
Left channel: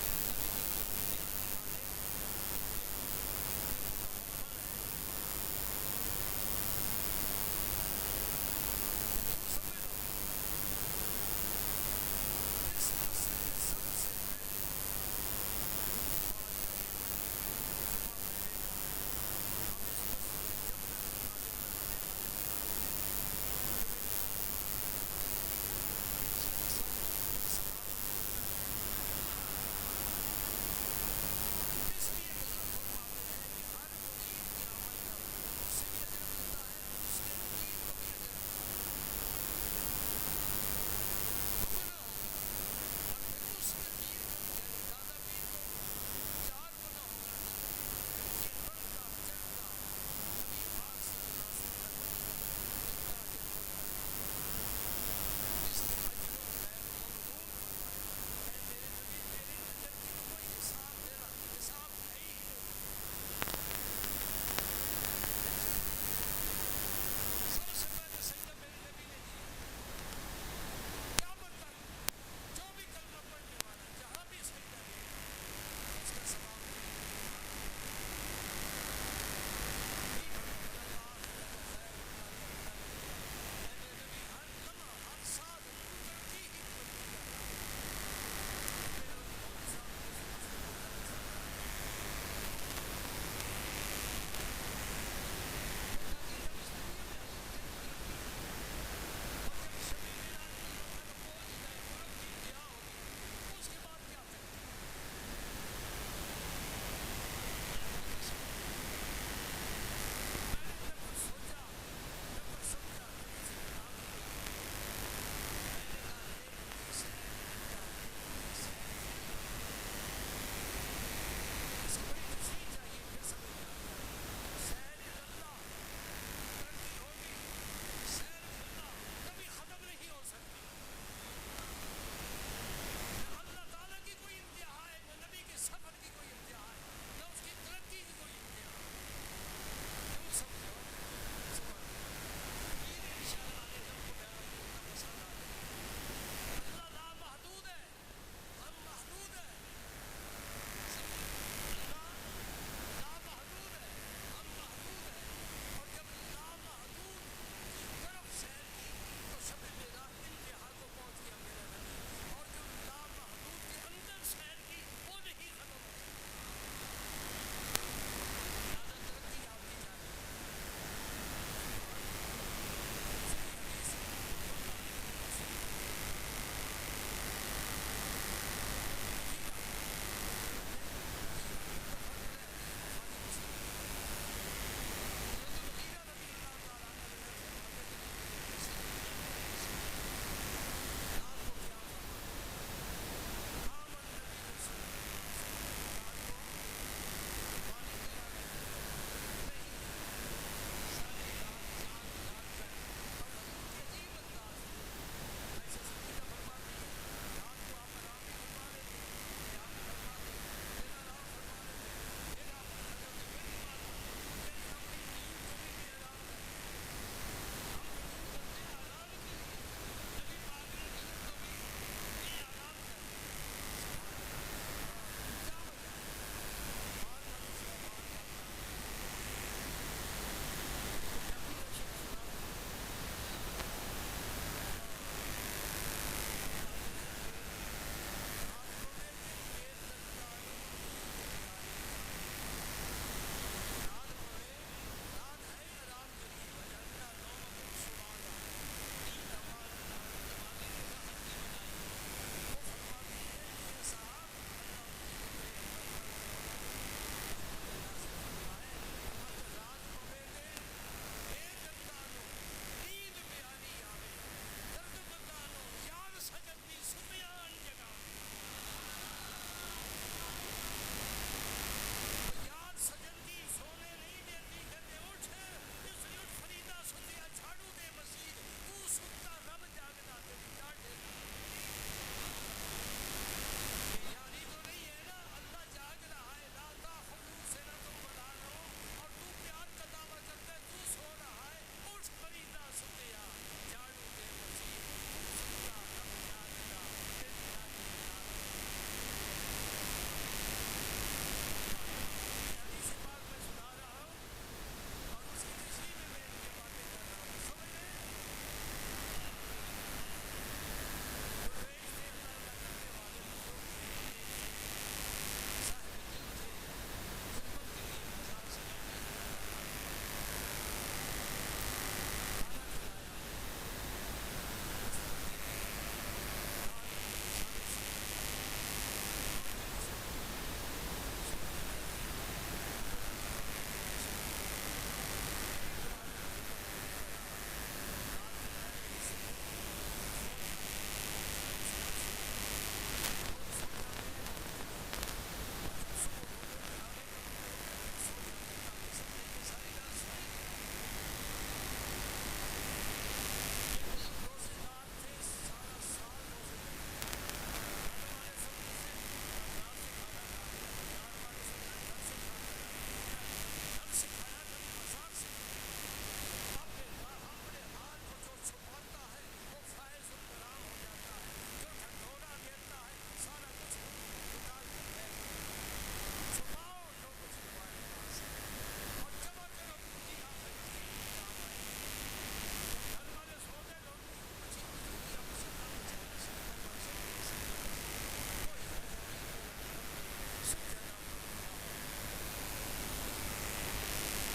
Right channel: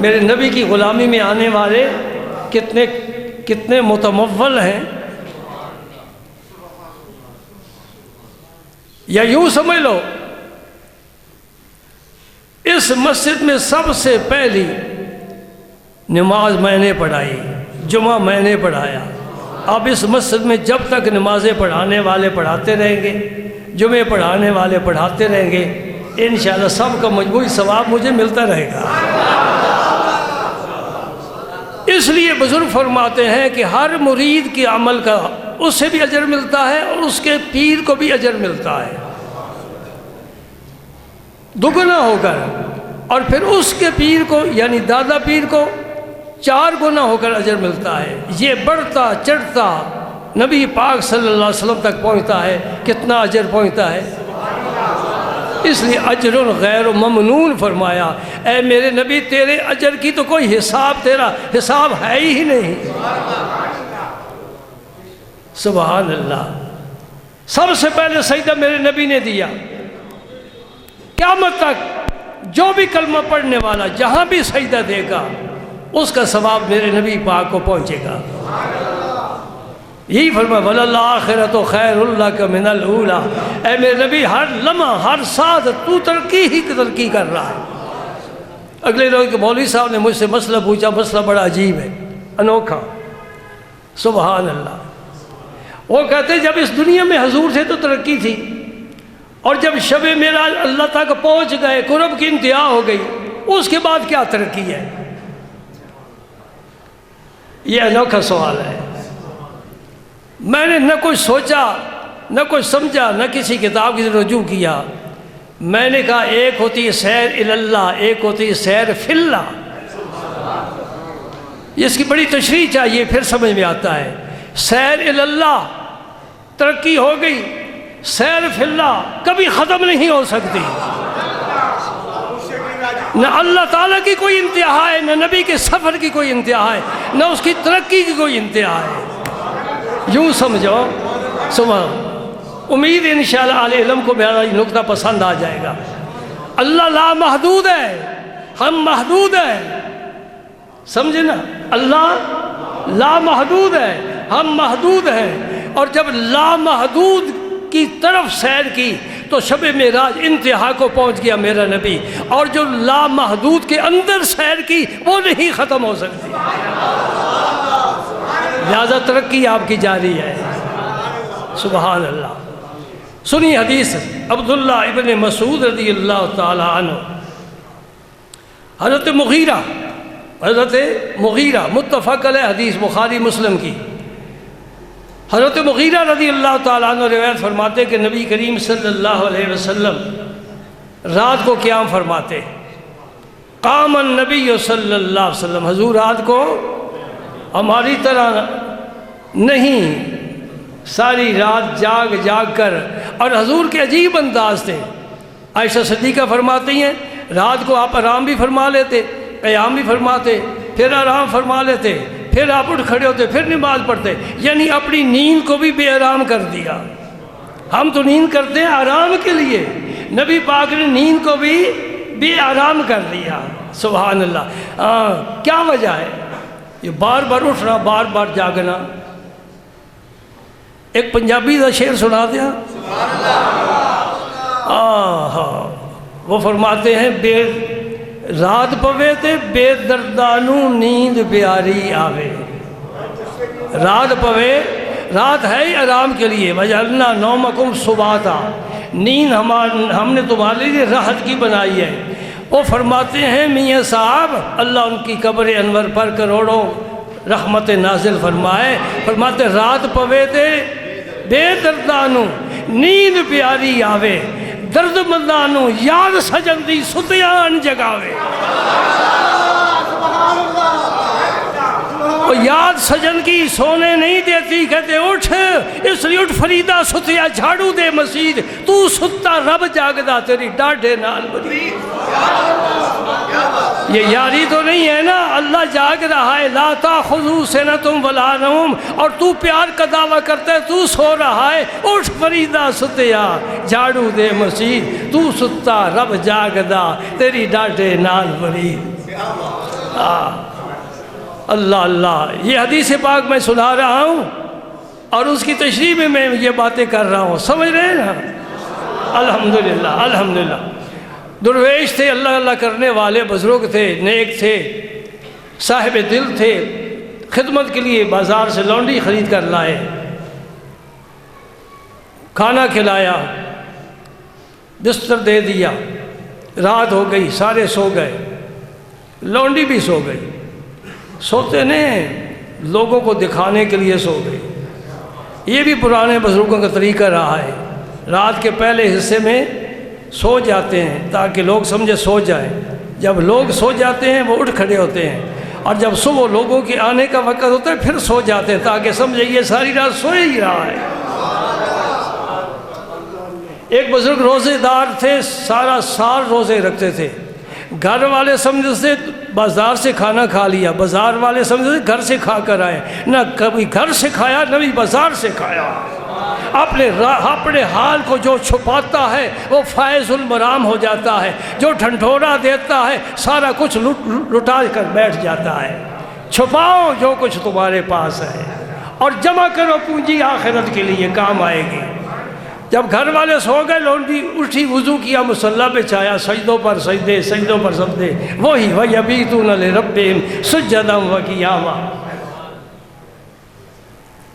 میرے نبی کی غلامی میں آنے والے کتنے متمول ہیں، یا یوں سمجھ لو اس مسجد میں سب سے پہلی نماز میں نے پڑھائی، جمعہ میں نے پڑھایا۔ اب اس مسجد میں جب تک نمازیں پڑھانے والے پڑھاتے رہیں گے، جمعے پڑھانے والے پڑھاتے رہیں گے، انشاءاللہ سب کا مجموعی ثواب مجھے ملتا رہے گا۔ اس لیے بزرگ فرماتے ہیں کہ ہر مرید کے عمل کا اس سے بھی اجر ملتا ہے اور اس کے پیر کو بھی اجر ملتا ہے، دگنا ہو کر، اور پھر اس کے پیر کو یعنی دادا پیر کو 4 گنا ہو کر اجر ملتا ہے۔ یہ بڑھتا چڑھتا نبی پاک صلی اللہ علیہ وسلم تک پہنچتا ہے، کتنا اجر پہنچتا ہے۔ اس لیے اجر غیر ممنون فرمایا، اے میرے نبی تیرے اجر کی تو کوئی حساب، تیرا حساب ہے ہی نہیں۔ سبحان اللہ۔ سب سے پہلے سجدہ میرے نبی نے دیا، قیامت تک جو بھی کلمہ پڑھنے والا جہاں بھی سجدہ دے گا اس کا ثواب میرے نبی پاک کو پہنچے گا۔ یہی فرمایا وَلَلْآخِرَةُ خَيْرٌ لَكَ مِنَ الْأُولَىٰ، اے میرے نبی ہر لمحہ ہر ساتھ تو ترقی کر رہا ہے۔ اگلے روز کے مولوی صاحب نے مجھ سے مسئلہ پوچھا، مسئلہ بڑا عجیب ہے، انوکھا۔ سبحان اللہ۔ وہ کہتے ہیں جب اس دنیا میں حضور تھے تو ترقی تھی، اور جب شب معراج اللہ تک پہنچ گئے، قرب کی انتہا ہو گئی، اس کے بعد کیا ترقی ہے؟ یہ انوکھا سوال ہے۔ میں نے نہ کچھ سوچا، نہ کچھ سمجھا، نہ کسی کتاب کی رجوع کیا۔ میں نے کہا ایک ہوتی ہے سیر اللہ، ایک ہوتی ہے سیر فی اللہ۔ اس کی بڑی تشریح چاہیے، پھر سمجھ میں آتا ہے۔ سیر اللہ ترقی ہو گئی، سیر فی اللہ کبھی ختم نہیں ہو سکتی۔ نہ اللہ تعالیٰ کی کوئی انتہا ہے، نہ نبی کے سفر کی کوئی انتہا ہے، نہ اس کی ترقی کی کوئی انتہا ہے۔ یوں سمجھو، امید ہے انشاءاللہ اہل علم کو میرا یہ نقطہ پسند آ جائے گا۔ اللہ لا محدود ہے، ہم محدود ہیں، سمجھے نا؟ اللہ لا محدود ہے، ہم محدود ہیں۔ اور جب لا محدود کی طرف سیر کی تو شب معراج انتہا کو پہنچ گیا میرا نبی، اور جو لا محدود کے اندر سیر کی وہ نہیں ختم ہو سکتی، لہذا ترقی آپ کی جاری ہے۔ سبحان اللہ۔ سنی حدیث عبداللہ ابن مسعود رضی اللہ تعالی عنہ، حضرت مغیرہ متفق علیہ حدیث بخاری مسلم کی، حضرت مغیرہ رضی اللہ تعالیٰ عنہ روایت فرماتے کہ نبی کریم صلی اللہ علیہ وسلم رات کو قیام فرماتے، قام النبی صلی اللہ علیہ وسلم، حضور رات کو ہماری طرح نہیں، ساری رات جاگ جاگ کر، اور حضور کے عجیب انداز تھے۔ عائشہ صدیقہ فرماتی ہیں رات کو آپ آرام بھی فرما لیتے، قیام بھی فرماتے، پھر آرام فرما لیتے، پھر آپ اٹھ کھڑے ہوتے، پھر نماز پڑھتے، یعنی اپنی نیند کو بھی بے آرام کر دیا۔ ہم تو نیند کرتے ہیں آرام کے لیے، نبی پاک نے نیند کو بھی بے آرام کر دیا۔ سبحان اللہ۔ کیا وجہ ہے؟ یہ بار بار اٹھنا، بار بار جاگنا۔ ایک پنجابی کا شعر سنا دیا۔ وہ فرماتے ہیں بے رات پوے تے بے دردانو نیند پیاری آوے۔ رات پوے، رات ہے ہی آرام کے لیے، وجعلنا نومکم سباتا، نیند ہم نے تمہارے لیے راحت کی بنائی ہے۔ وہ فرماتے ہیں میاں صاحب اللہ ان کی قبر انور پر کروڑوں رحمت نازل فرمائے، فرماتے رات پوے تے بے دردانو نیند پیاری آوے، درد مندانو یاد سجن دی ستیان جگاوے۔ اور یاد سجن کی سونے نہیں دیتی، کہتے اٹھ، اس لیے اٹھ فریدہ ستیا جھاڑو دے مسجد، تو ستا رب جاگدا تیری ڈاڈے نال بری۔ یہ یاری تو نہیں ہے نا، اللہ جاگ رہا ہے، لا تاخذو سنتم ولا نوم، اور تو پیار کا دعویٰ کرتا ہے، تو سو رہا ہے، اٹھ فریدہ ستیا جھاڑو دے مسجد، تو ستا رب جاگدا تیری ڈاڈے نال بری۔ اللہ اللہ۔ یہ حدیث پاک میں سنا رہا ہوں اور اس کی تشریح میں میں یہ باتیں کر رہا ہوں، سمجھ رہے ہیں نا؟ الحمدللہ الحمدللہ۔ درویش تھے، اللہ اللہ کرنے والے بزرگ تھے، نیک تھے، صاحب دل تھے، خدمت کے لیے بازار سے لونڈی خرید کر لائے، کھانا کھلایا، بستر دے دیا، رات ہو گئی، سارے سو گئے، لونڈی بھی سو گئی۔ سوتے نہیں، لوگوں کو دکھانے کے لیے سو گئے۔ یہ بھی پرانے بزرگوں کا طریقہ رہا ہے، رات کے پہلے حصے میں سو جاتے ہیں تاکہ لوگ سمجھے سو جائیں، جب لوگ سو جاتے ہیں وہ اٹھ کھڑے ہوتے ہیں، اور جب صبح لوگوں کے آنے کا وقت ہوتا ہے پھر سو جاتے ہیں تاکہ سمجھے یہ ساری رات سوئے ہی رہا ہے۔ ایک بزرگ روزے دار تھے، سارا سال روزے رکھتے تھے، گھر والے سمجھتے بازار سے کھانا کھا لیا، بازار والے سمجھتے گھر سے کھا کر آئے، نہ کبھی گھر سے کھایا نہ بھی بازار سے کھایا۔ اپنے حال کو جو چھپاتا ہے وہ فائز المرام ہو جاتا ہے، جو ڈھنڈورا دیتا ہے سارا کچھ لٹا کر بیٹھ جاتا ہے۔ چھپاؤ جو کچھ تمہارے پاس ہے اور جمع کرو پونجی آخرت کے لیے کام آئے گی۔ جب گھر والے سو گئے، لونڈی اٹھی، وضو کیا، مصلی پہ چایا، سجدوں پر سجدے، سجدوں پر سجدے، وہی وَيَبِيتُونَ لِرَبِّهِمْ سُجَّدًا وَقِيَامًا۔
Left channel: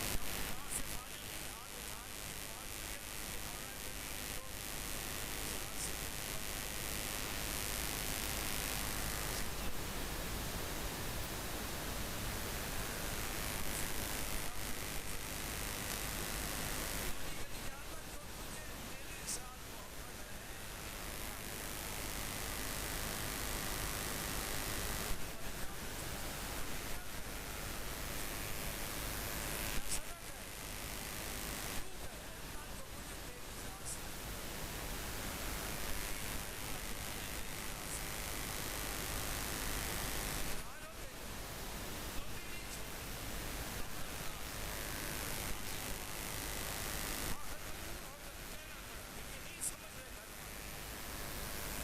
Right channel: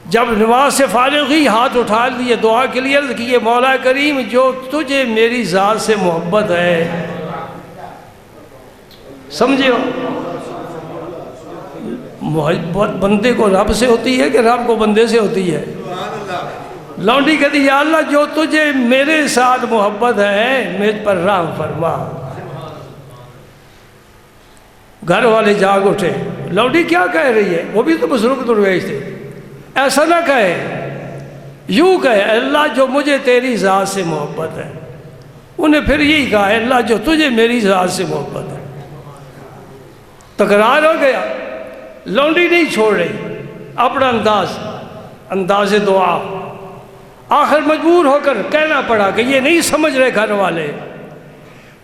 جب نماز سے فارغ ہوئی، ہاتھ اٹھا لیے، دعا کے لیے عرض کیے، مولا کریم جو تجھے میری ذات سے محبت ہے، سمجھے ہو، محبت بندے کو رب سے ہوتی ہے کہ رب کو بندے سے ہوتی ہے؟ لونڈی کہتی یا اللہ جو تجھے میرے ساتھ محبت ہے مجھ پر رحم فرما۔ گھر والے جاگ اٹھے، لونڈی کیا کہہ رہی ہے؟ وہ بھی تو بزرگ درویش تھے، ایسا نہ کہے، یوں کہے اللہ جو مجھے تیری ذات سے محبت ہے۔ انہیں پھر یہی کہا اللہ جو تجھے میری ذات سے محبت ہے۔ تکرار ہو گیا، لونڈی نہیں چھوڑ رہی، اپنا انداز دعا، آخر مجبور ہو کر کہنا پڑا کہ یہ نہیں سمجھ رہے گھر والے.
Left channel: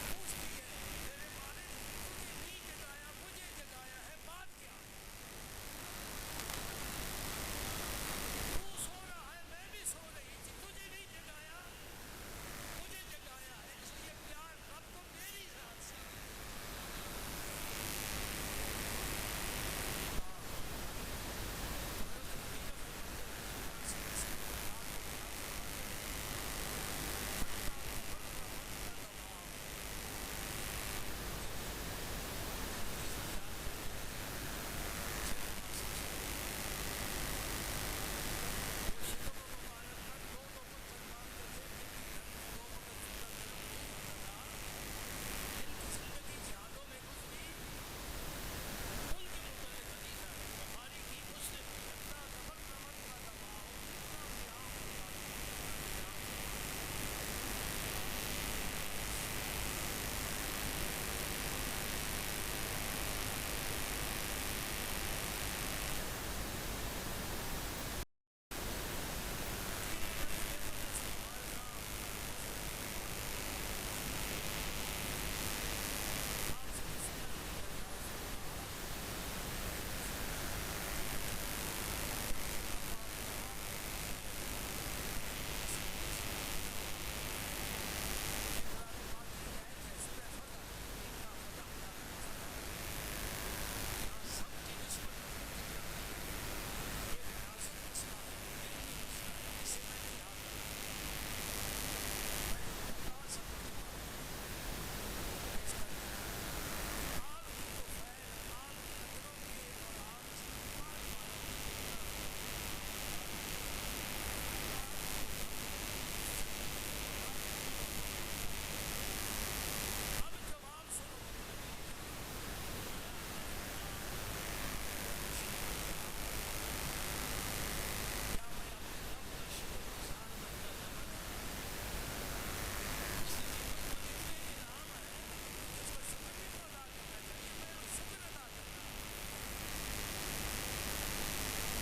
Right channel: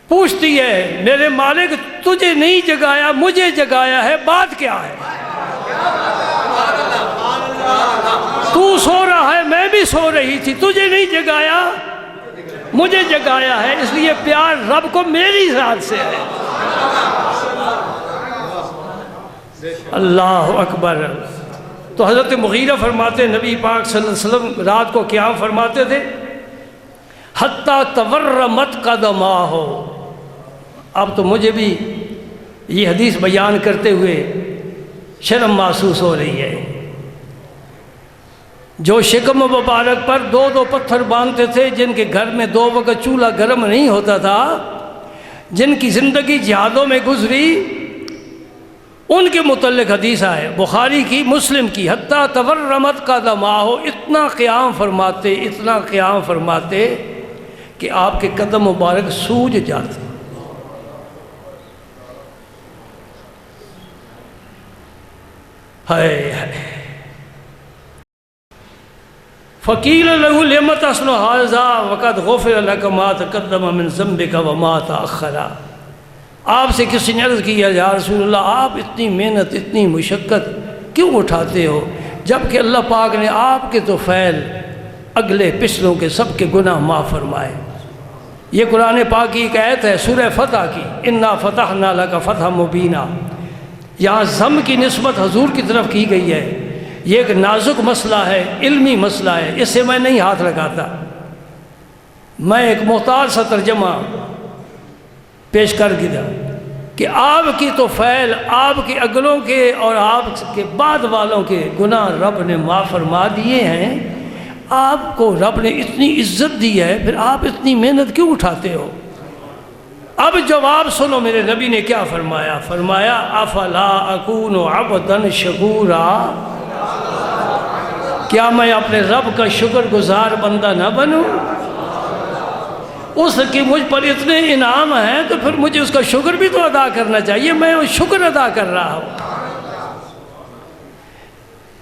پوچھتی ہے میرے مالک تجھے نہیں جگایا مجھے جگایا ہے، بات کیا ہے؟ تو سو رہا ہے میں بھی سو رہی تھی، تجھے نہیں جگایا مجھے جگایا ہے، اس لیے پیار رب کو میری ذات سے ہے. اللہ اکبر. تو حضرت مغیرہ فرماتے نبی پاک صلی اللہ علیہ وسلم رات کو قیام فرماتے تھے حتیٰ تورمت قدماہ. اب تو مجھے بھی یہ حدیث بیان کرتے ہوئے شرم محسوس ہو رہی ہے. جو شکم مبارک پر دو دو پتھر باندھتے تھے، جن کے گھر میں 2 وقت چولہا گرم نہیں ہوتا تھا، جن کی زندگی جہادوں میں گزری، ان کے متعلق حدیث ہے بخاری کی مسلم کی. حتیٰ تورمت قدماہ، اتنا قیام فرماتے کہ آپ کے قدم مبارک سوج جاتے. ہائے ہائے. فقیل لہ لم تصنع ھذا وقد غفر لک ما تقدم من ذنبک وما تأخر. آپ سے کسی نے عرض کیا یا رسول اللہ آپ اتنی محنت اتنی مشقت کیوں اٹھاتے ہو جبکہ اللہ پاک نے آپ کے تو فعل اگلے پچھلوں کے سب کے گناہ معاف فرمائے. یہ قرآن پاک کی ایک آیت ہے سورہ فتح کی، انا فتحنا لک فتحا مبینا. یہاں ضم کی نسبت حضور کی طرف کی گئی ہے. یہ ایک نازک مسئلہ ہے، علمی مسئلہ ہے، اس سے میں نہیں ہاتھ لگاتا. میں ایک محتاط سا ترجمہ پیش کر دیا کہ آپ کی تو فعل آپ کے اگلوں کے اور آپ کے بعد والوں کے گناہ رب نے معاف فرما دیے ہیں. آپ کو رب نے اتنی عزت دی ہے، پھر آپ اتنی محنت کیوں اٹھاتے ہو؟ اب جواب سنو میرے نبی نے کیا فرمایا. فرمایا افلا اکون عبدا شکورا، کیا میں اپنے رب کا شکر گزار بندہ نہ بنوں؟ اس کی مجھ پر اتنے انعام ہیں تو پھر مجھے اس کا شکر بھی تو ادا کرنا چاہیے. میں وہ شکر ادا کر رہا ہوں.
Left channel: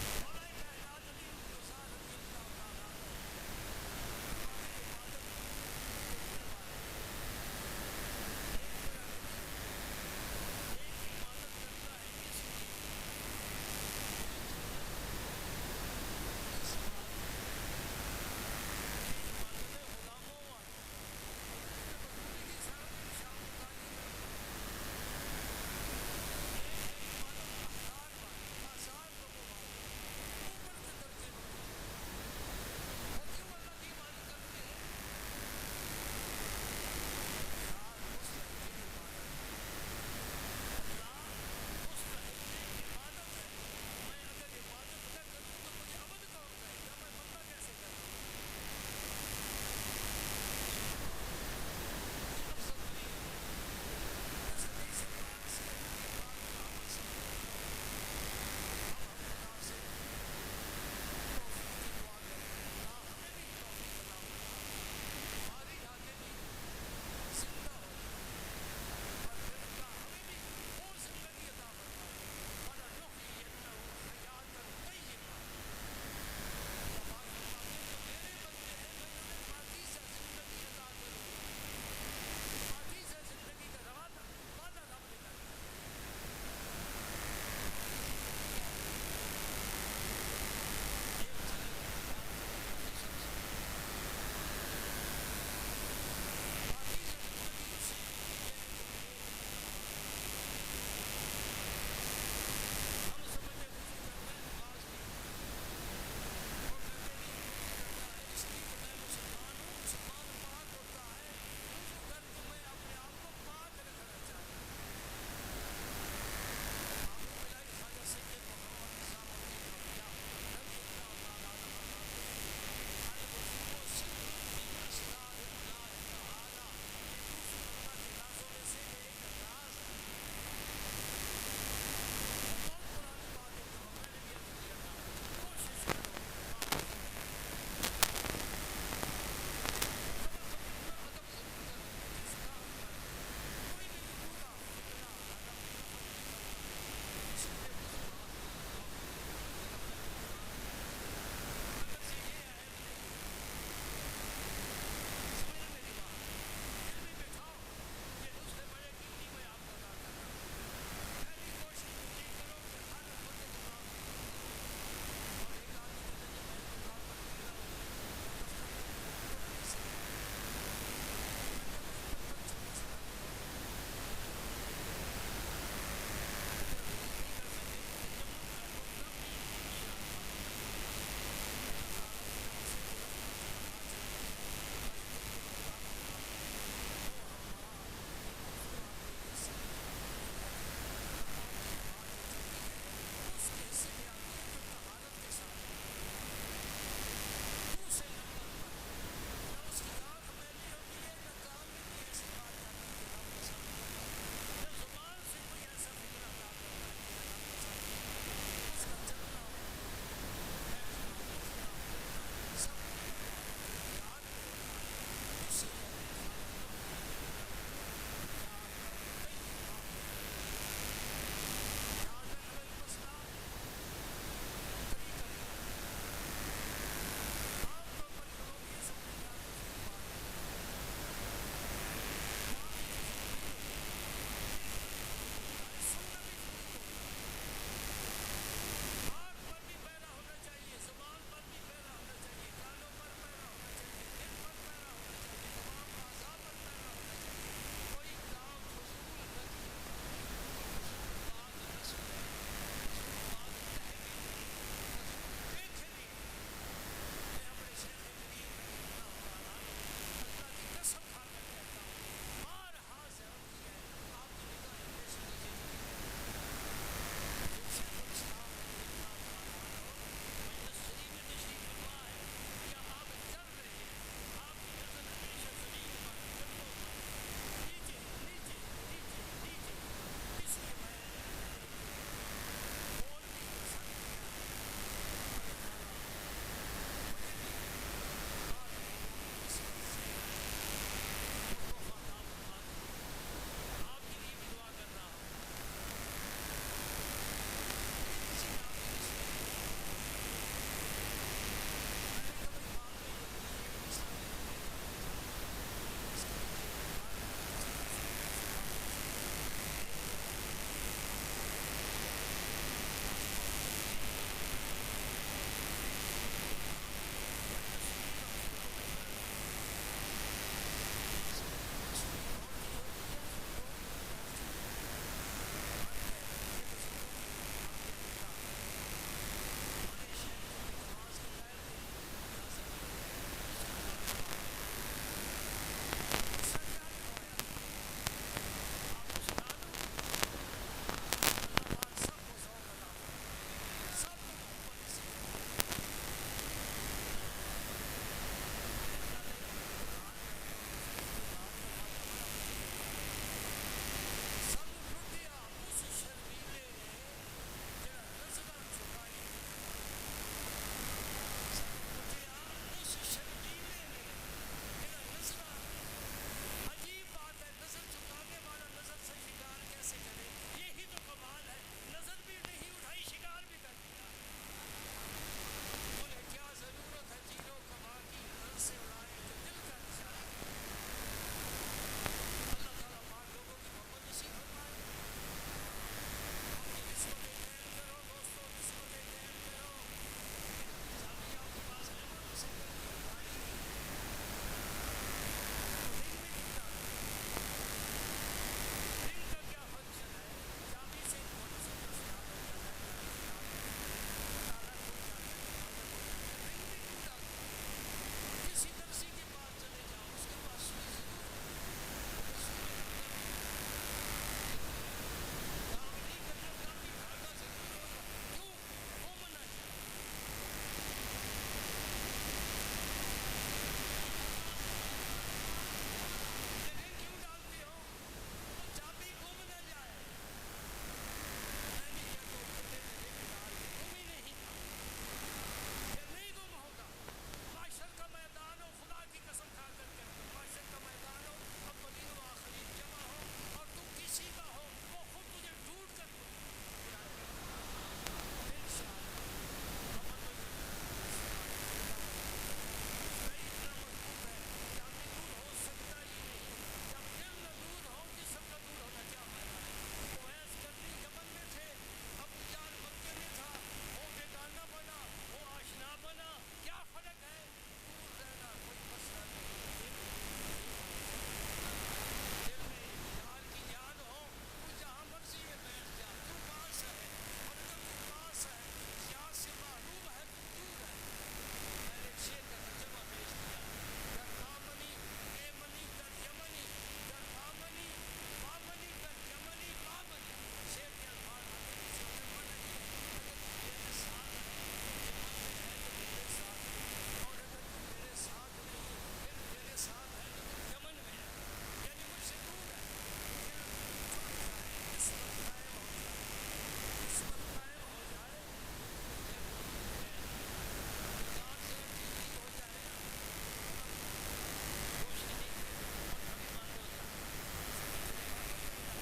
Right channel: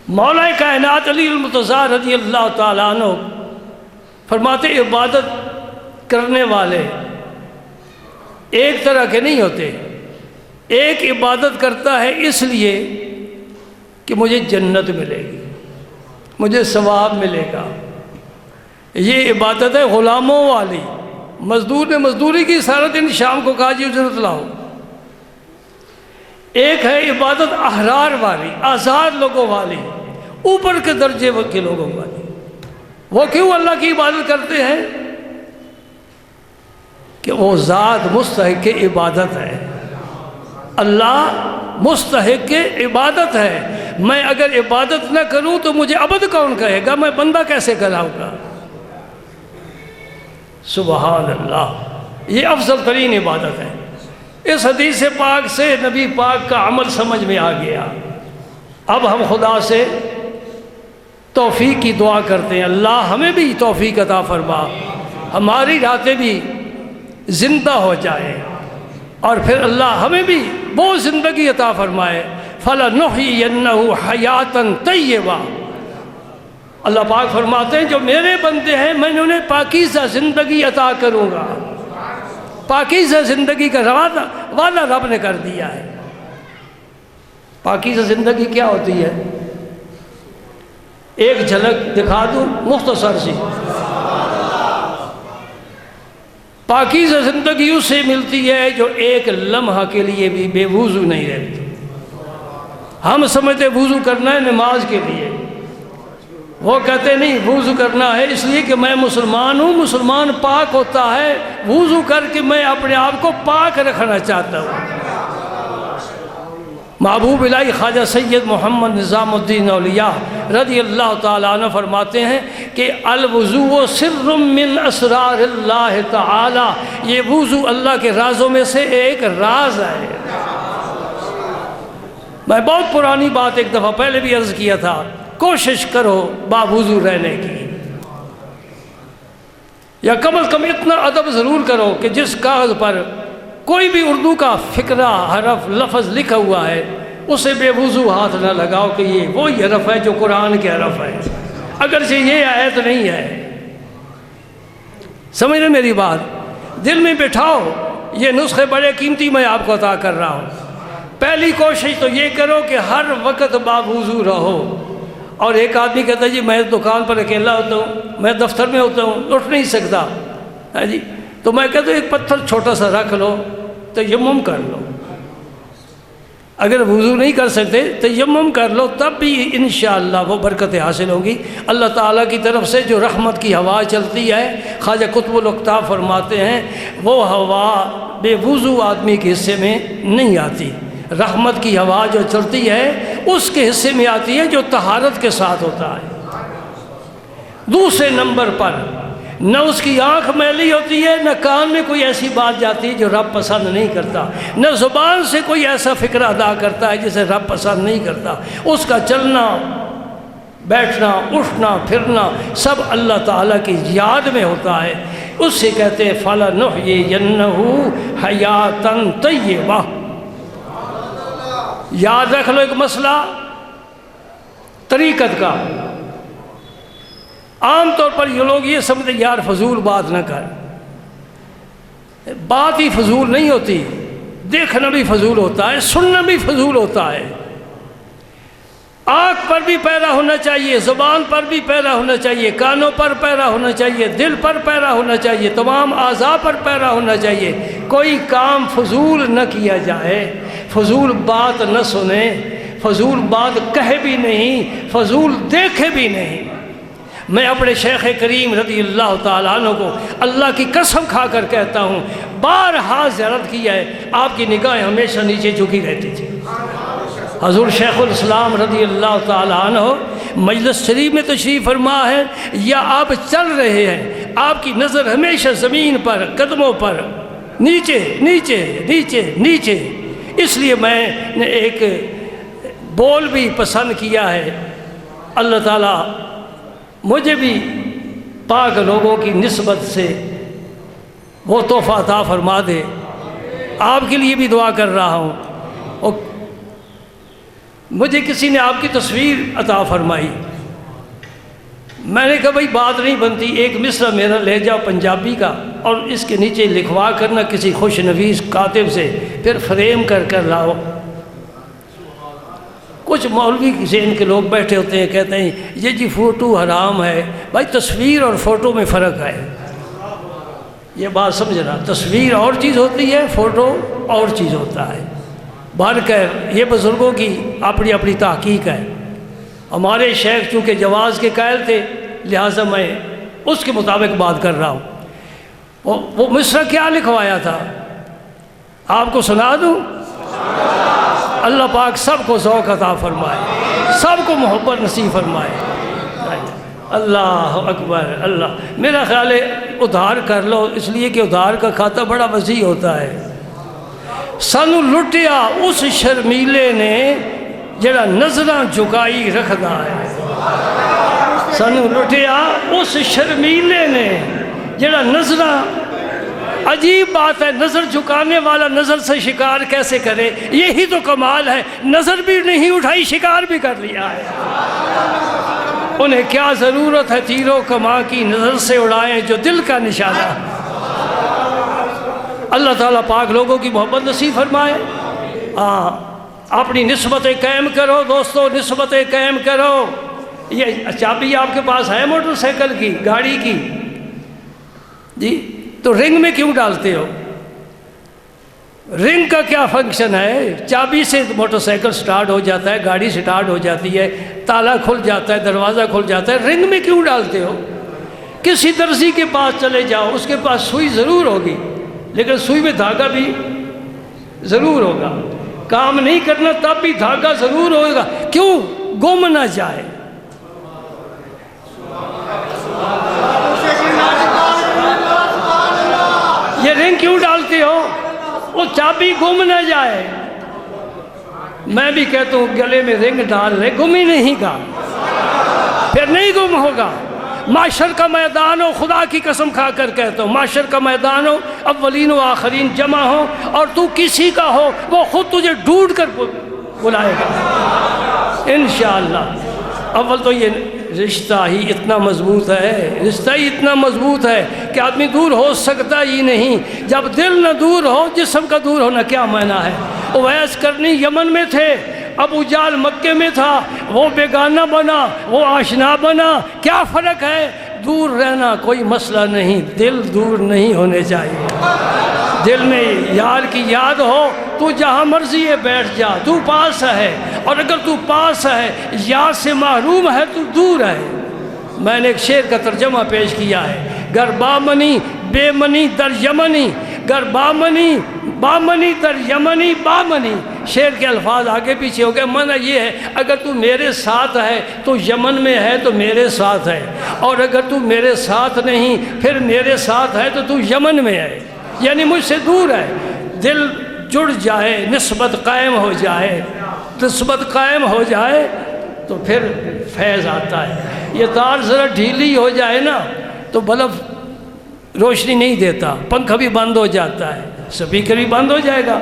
مولا کائنات علی المرتضیٰ رضی اللہ تعالیٰ عنہ فرماتے عبادت کرنے والے ایک طرح کے نہیں ہوتے. ایک عبادت کرتا ہے اس لیے کہ مجھے جنت ملے گی، مجھے ثواب ملے گا. یہ عبادت ہے غلاموں والی. مزدور نے مزدوری کی، سارا دن شام کو کہا جی اجرت لاؤ. ایک ہے عبادت احرار والی، آزاد لوگوں والی، اوپر کے درجے کے لوگوں والی. وہ کیوں اللہ کی عبادت کرتے ہیں؟ کہ وہ ذات مستحق عبادت ہے. اللہ مستحق عبادت ہے. میں اگر عبادت نہ کروں تو مجھے عبد کون کہے گا؟ میں بندہ کیسے کہلاؤں گا؟ سبحان اللہ. یہ افضل ترین عبادت ہے. اس حدیث پاک سے نبی پاک کا عمل سمجھ میں آ گیا. اب ہم خدا سے توفیق کی دعا کرتے ہیں. اللہ ہمیں بھی توفیق عطا فرما، ہماری راتیں بھی زندہ ہو جائے، اور پھر اللہ ہمیں بھی وہ زندگی عطا فرمائے. فَلَنُحْيِيَنَّهُ حَيَاتًا طَيِّبَةً. اللہ پاک فرماتے ہیں جو میرے بندے ہیں میں انہیں پاکیزہ زندگی عطا کروں گا. پاکیزہ زندگی کا وعدہ رب نے کر دیا ہے. پاکیزہ زندگی کیا ہوتی ہے؟ ایک جھلک دکھا دوں مختصر سی. پاکیزہ زندگی اس سے ملتی ہے جو ایک لمحہ کے لیے بھی بے وضو نہیں رہتی. ہم سمجھتے وضو کرنا ہے نماز کے لیے، وہ کہتے نہیں وضو کرنا ہے اس لیے کہ میں مسلمان ہوں. مسلمان پاک ہوتا ہے وضو کر کے میں اپنے آپ کو پاک رکھنا چاہتا ہوں. محبوب الہی خواجہ سید محمد نظام الدین اولیاء رضی اللہ تعالیٰ عنہ فرماتے ہیں کہ الوضو سر من اسرار اللہ تعالیٰ. یہ وضو اللہ کے رازوں میں سے ایک راز ہے. میں بہت پرانی بات ایک دفعہ پہلے بھی عرض کیا تھا، کوشش کرو باوضو رہنے کی، یا کم از کم اتنا ادب ضرور کرو کہ جس کاغذ پر کوئی بھی اردو کا فقرہ حرف لفظ لکھا ہوا ہے اسے بے وضو ہاتھ نہ لگاؤ کہ یہ وہی حرف ہے جو قرآن کے حرف ہے، اگرچہ یہ آیت نہیں ہے. سمجھ رہے میری بات؟ دل میں بٹھاؤ، یہ نسخے بڑے قیمتی میں آپ کو عطا کر رہا ہوں۔ پہلی کوشش تو یہ کرو کہ ہر وقت باوضو رہو۔ اور ایک آدمی کہتا ہے جی میں دکان پر اکیلا ہوتا ہوں، میں دفتر میں ہوتا ہوں، اٹھ نہیں سکتا، ہاں جی، تو میں کہتا ہوں ایک پتھر چھوٹا سا رکھ لو، تیمم کر لو۔ اگر وضو نہیں کر سکتے تیمم کر لو، تب بھی انشاءاللہ وہ برکتیں حاصل ہوں گی۔ اللہ تعالیٰ کی طرف سے جو رحمت کی ہوا چلتی ہے، خواجہ قطب الاقطاب فرماتے ہیں وہ ہوا بے وضو آدمی کے حصے میں نہیں آتی۔ رحمت کی ہوا جو چلتی ہے اس کے حصے میں آتی ہے جو طہارت کے ساتھ ہوتا ہے۔ دوسرے نمبر پر نہ اس کی آنکھ میلی ہوتی ہے، نہ کان میں کوئی ایسی بات جاتی ہے جو رب پسند نہیں کرتا، نہ زبان سے کوئی ایسا فکر ادا کرتا ہے جسے رب پسند نہیں کرتا۔ اس کا چلنا، بیٹھنا، اٹھنا، پھرنا سب اللہ تعالیٰ کی یاد میں ہوتا ہے۔ اس سے کہتے ہیں فَلَنُحْيِيَنَّهُ حَيَاتًا طَيِّبَةً۔ یاد رکھ لو ایک مسئلہ طریقت کا۔ عام طور پر یہ لوگ یہ سمجھتے یار فضول بات نہ کر، بات ہی فضول نہیں ہوتی، دیکھنا بھی فضول ہوتا ہے، سننا بھی فضول ہوتا ہے۔ آنکھ پر بھی پیرا ہونا چاہیے، زبان پر بھی پیرا ہونا چاہیے، کانوں پر پیرا ہونا چاہیے، دل پر پیرا ہونا چاہیے، تمام اعضاء پر پیرا ہونا چاہیے۔ کوئی کام فضول نہ کیا جائے، فضول بات نہ سنے، فضول بات کہے بھی نہیں، فضول دیکھے بھی نہیں۔ میں اپنے شیخ کریم رضی اللہ تعالیٰ عنہ کو اللہ کی قسم کھا کر کہتا ہوں، بارہا زیارت کیا ہے، آپ کی نگاہیں ہمیشہ نیچے جھکی رہتی تھی۔ حضور شیخ الاسلام رضی اللہ تعالیٰ عنہ مجلس شریف میں تشریف فرما ہے یا آپ چل رہے ہیں، آپ کی نظر ہمیشہ زمین پر، قدموں پر، نیچے نیچے نیچے نیچے۔ اس لیے میں نے ایک بول بھی پسند کیا ہے، اللہ تعالیٰ مجھے بھی پاک لوگوں کی نسبت سے وہ تحفہ عطا فرما دے۔ آپ کے لیے بھی دعا کر رہا ہوں۔ اور مجھے کسی نے آپ کی تصویر عطا فرمائی، میں نے کہا بھائی بات نہیں بنتی، ایک مصرع میرا لہجہ پنجابی کا اور اس کے نیچے لکھوا کرنا کسی خوش نویس کاتب سے، پھر فریم کر کر لاؤ۔ کچھ مولوی ذہن کے لوگ بیٹھے ہوتے ہیں، کہتے ہیں یہ جی فوٹو حرام ہے۔ بھائی تصویر اور فوٹو میں فرق ہے، یہ بات سمجھنا۔ تصویر اور چیز ہوتی ہے، فوٹو اور چیز ہوتا ہے۔ بہرکیف یہ بزرگوں کی اپنی اپنی تحقیق ہے۔ ہمارے شیخ چونکہ جواز کے قائل تھے، لہٰذا میں اس کے مطابق بات کر رہا ہوں۔ وہ مصرع کیا لکھوایا تھا آپ کو سنا دوں؟ اللہ پاک سب کو ذوق عطا فرمائے، سب کو محبت نصیب فرمائے۔ اللہ اکبر، اللہ۔ میرا خیال ہے ادھار کر لو، اس لیے کہ ادھار کا کھاتا بڑا وسیع ہوتا ہے۔ سانو لٹیا اس شرمیلے نے جڑا نظراں جھکائی رکھدا ہے۔ سانو لٹیا اس شرمیلے نے جڑا نظراں، عجیب بات ہے، نظر جھکانے والا نظر سے شکار کیسے کرے؟ یہی تو کمال ہے، نظر بھی نہیں اٹھائی، شکار بھی کر لیا ہے۔ انہیں کیا ضرورت ہے تیروں کما کی، نظر سے اڑائیں جو دل کا نشانہ۔ اللہ تعالیٰ پاک لوگوں کی محبت نصیب فرمائے۔ اپنی نسبتیں قائم کرو دوستو، نسبتیں قائم کرو۔ یہ چابی آپ کے پاس ہے موٹر سائیکل کی، گاڑی کی، جی تو رنگ میں کیوں ڈالتے ہو؟ رنگ کا کیا فنکشن ہے؟ چابی سے موٹر سائیکل سٹارٹ ہو جاتا ہے، گاڑی سٹارٹ ہو جاتی ہے، تالا کھل جاتا ہے، دروازہ کھل جاتا ہے، رنگ میں کیوں ڈالتے ہو؟ کسی درزی کے پاس چلے جاؤ، اس کے پاس سوئی ضرور ہوگی، لیکن سوئی میں دھاگا بھی ضرور ہوگا۔ کام نہیں کرنا تب بھی دھاگا ضرور ہوگا، کیوں؟ گم نہ جائے۔ یہ رنگ کیوں ڈالتے ہو؟ وہ چابی گم نہ جائے۔ میں بھی کہتا ہوں گلے میں رنگ ڈال رہے، گم ہی نہیں گا، پھر نہیں گم ہوگا۔ معاشر کا میدان ہو، خدا کی قسم کھا کر کہتا ہوں، معاشر کا میدان ہو، اولین و آخرین جمع ہو، اور تو کسی کا ہو، وہ خود تجھے ڈھونڈ کر بلائے گا انشاءاللہ۔ اول تو یہ رشتہ ہی اتنا مضبوط ہے، رشتہ ہی اتنا مضبوط ہے کہ آدمی دور ہو سکتا ہی نہیں۔ جب دل نہ دور ہو، جسم کا دور ہونا کیا معنی ہے؟ اویس کرنی یمن میں تھے، ابو جہل مکے میں تھا، وہ بیگانہ بنا، وہ آشنا بنا، کیا فرق ہے؟ دور رہنا کوئی مسئلہ نہیں، دل دور نہیں ہونے چاہیے۔ دل میں یار کی یاد ہو، تو جہاں مرضی ہے بیٹھ جا، تو پاس ہے، اور اگر تو پاس ہے یار سے محروم ہے تو دور ہے۔ میں نے ایک شعر کا ترجمہ پیش کیا ہے، گر بامنی بے منی در یمنی، گر بامنی بامنی در یمنی بامنی۔ شعر کے الفاظ آگے پیچھے ہو گئے، معنی یہ ہے اگر تو میرے ساتھ ہے تو یمن میں ہے تو میرے ساتھ ہے، اور اگر تو میرے ساتھ نہیں پھر میرے ساتھ ہے تو تو یمن میں ہے، یعنی مجھ سے دور ہے۔ دل جڑ جائے، نسبت قائم ہو جائے، نسبت قائم ہو جائے تو پھر فیض آتا ہے۔ یہ تار ذرا ڈھیلی ہو جائے نا تو بلب روشنی نہیں دیتا، پنکھا بھی بند ہو جاتا ہے، سپیکر بھی بند ہو جائے گا۔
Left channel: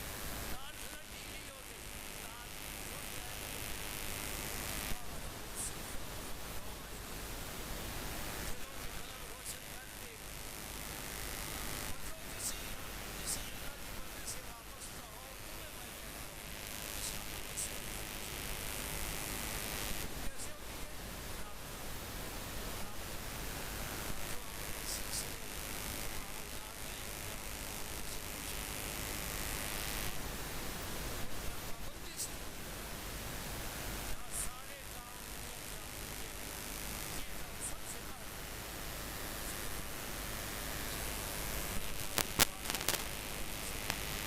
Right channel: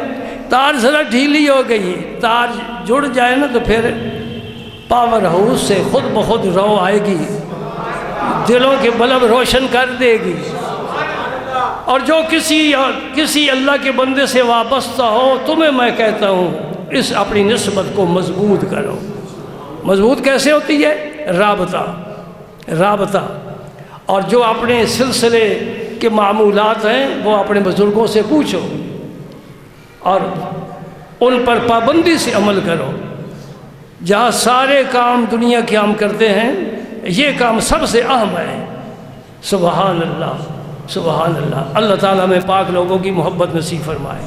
تار ذرا ڈھیلی ہو گئی، تار جڑ جائے نا تو پھر پاور ہاؤس سے خود بخود رو آئے گی، دلوں کے بلب روشن کر دے گی۔ اور جو کسی اللہ کے بندے سے وابستہ ہو، تمہیں میں کہتا ہوں اس اپنی نسبت کو مضبوط کرو۔ مضبوط کیسے ہوتی ہے؟ رابطہ۔ اور جو اپنے سلسلے کے معمولات ہیں وہ اپنے بزرگوں سے پوچھو اور ان پر پابندی سے عمل کرو۔ جہاں سارے کام دنیا کے ہم کرتے ہیں، یہ کام سب سے اہم ہے۔ سبحان اللہ، سبحان اللہ۔ اللہ تعالیٰ میں پاک لوگوں کی محبت نصیب فرمائے۔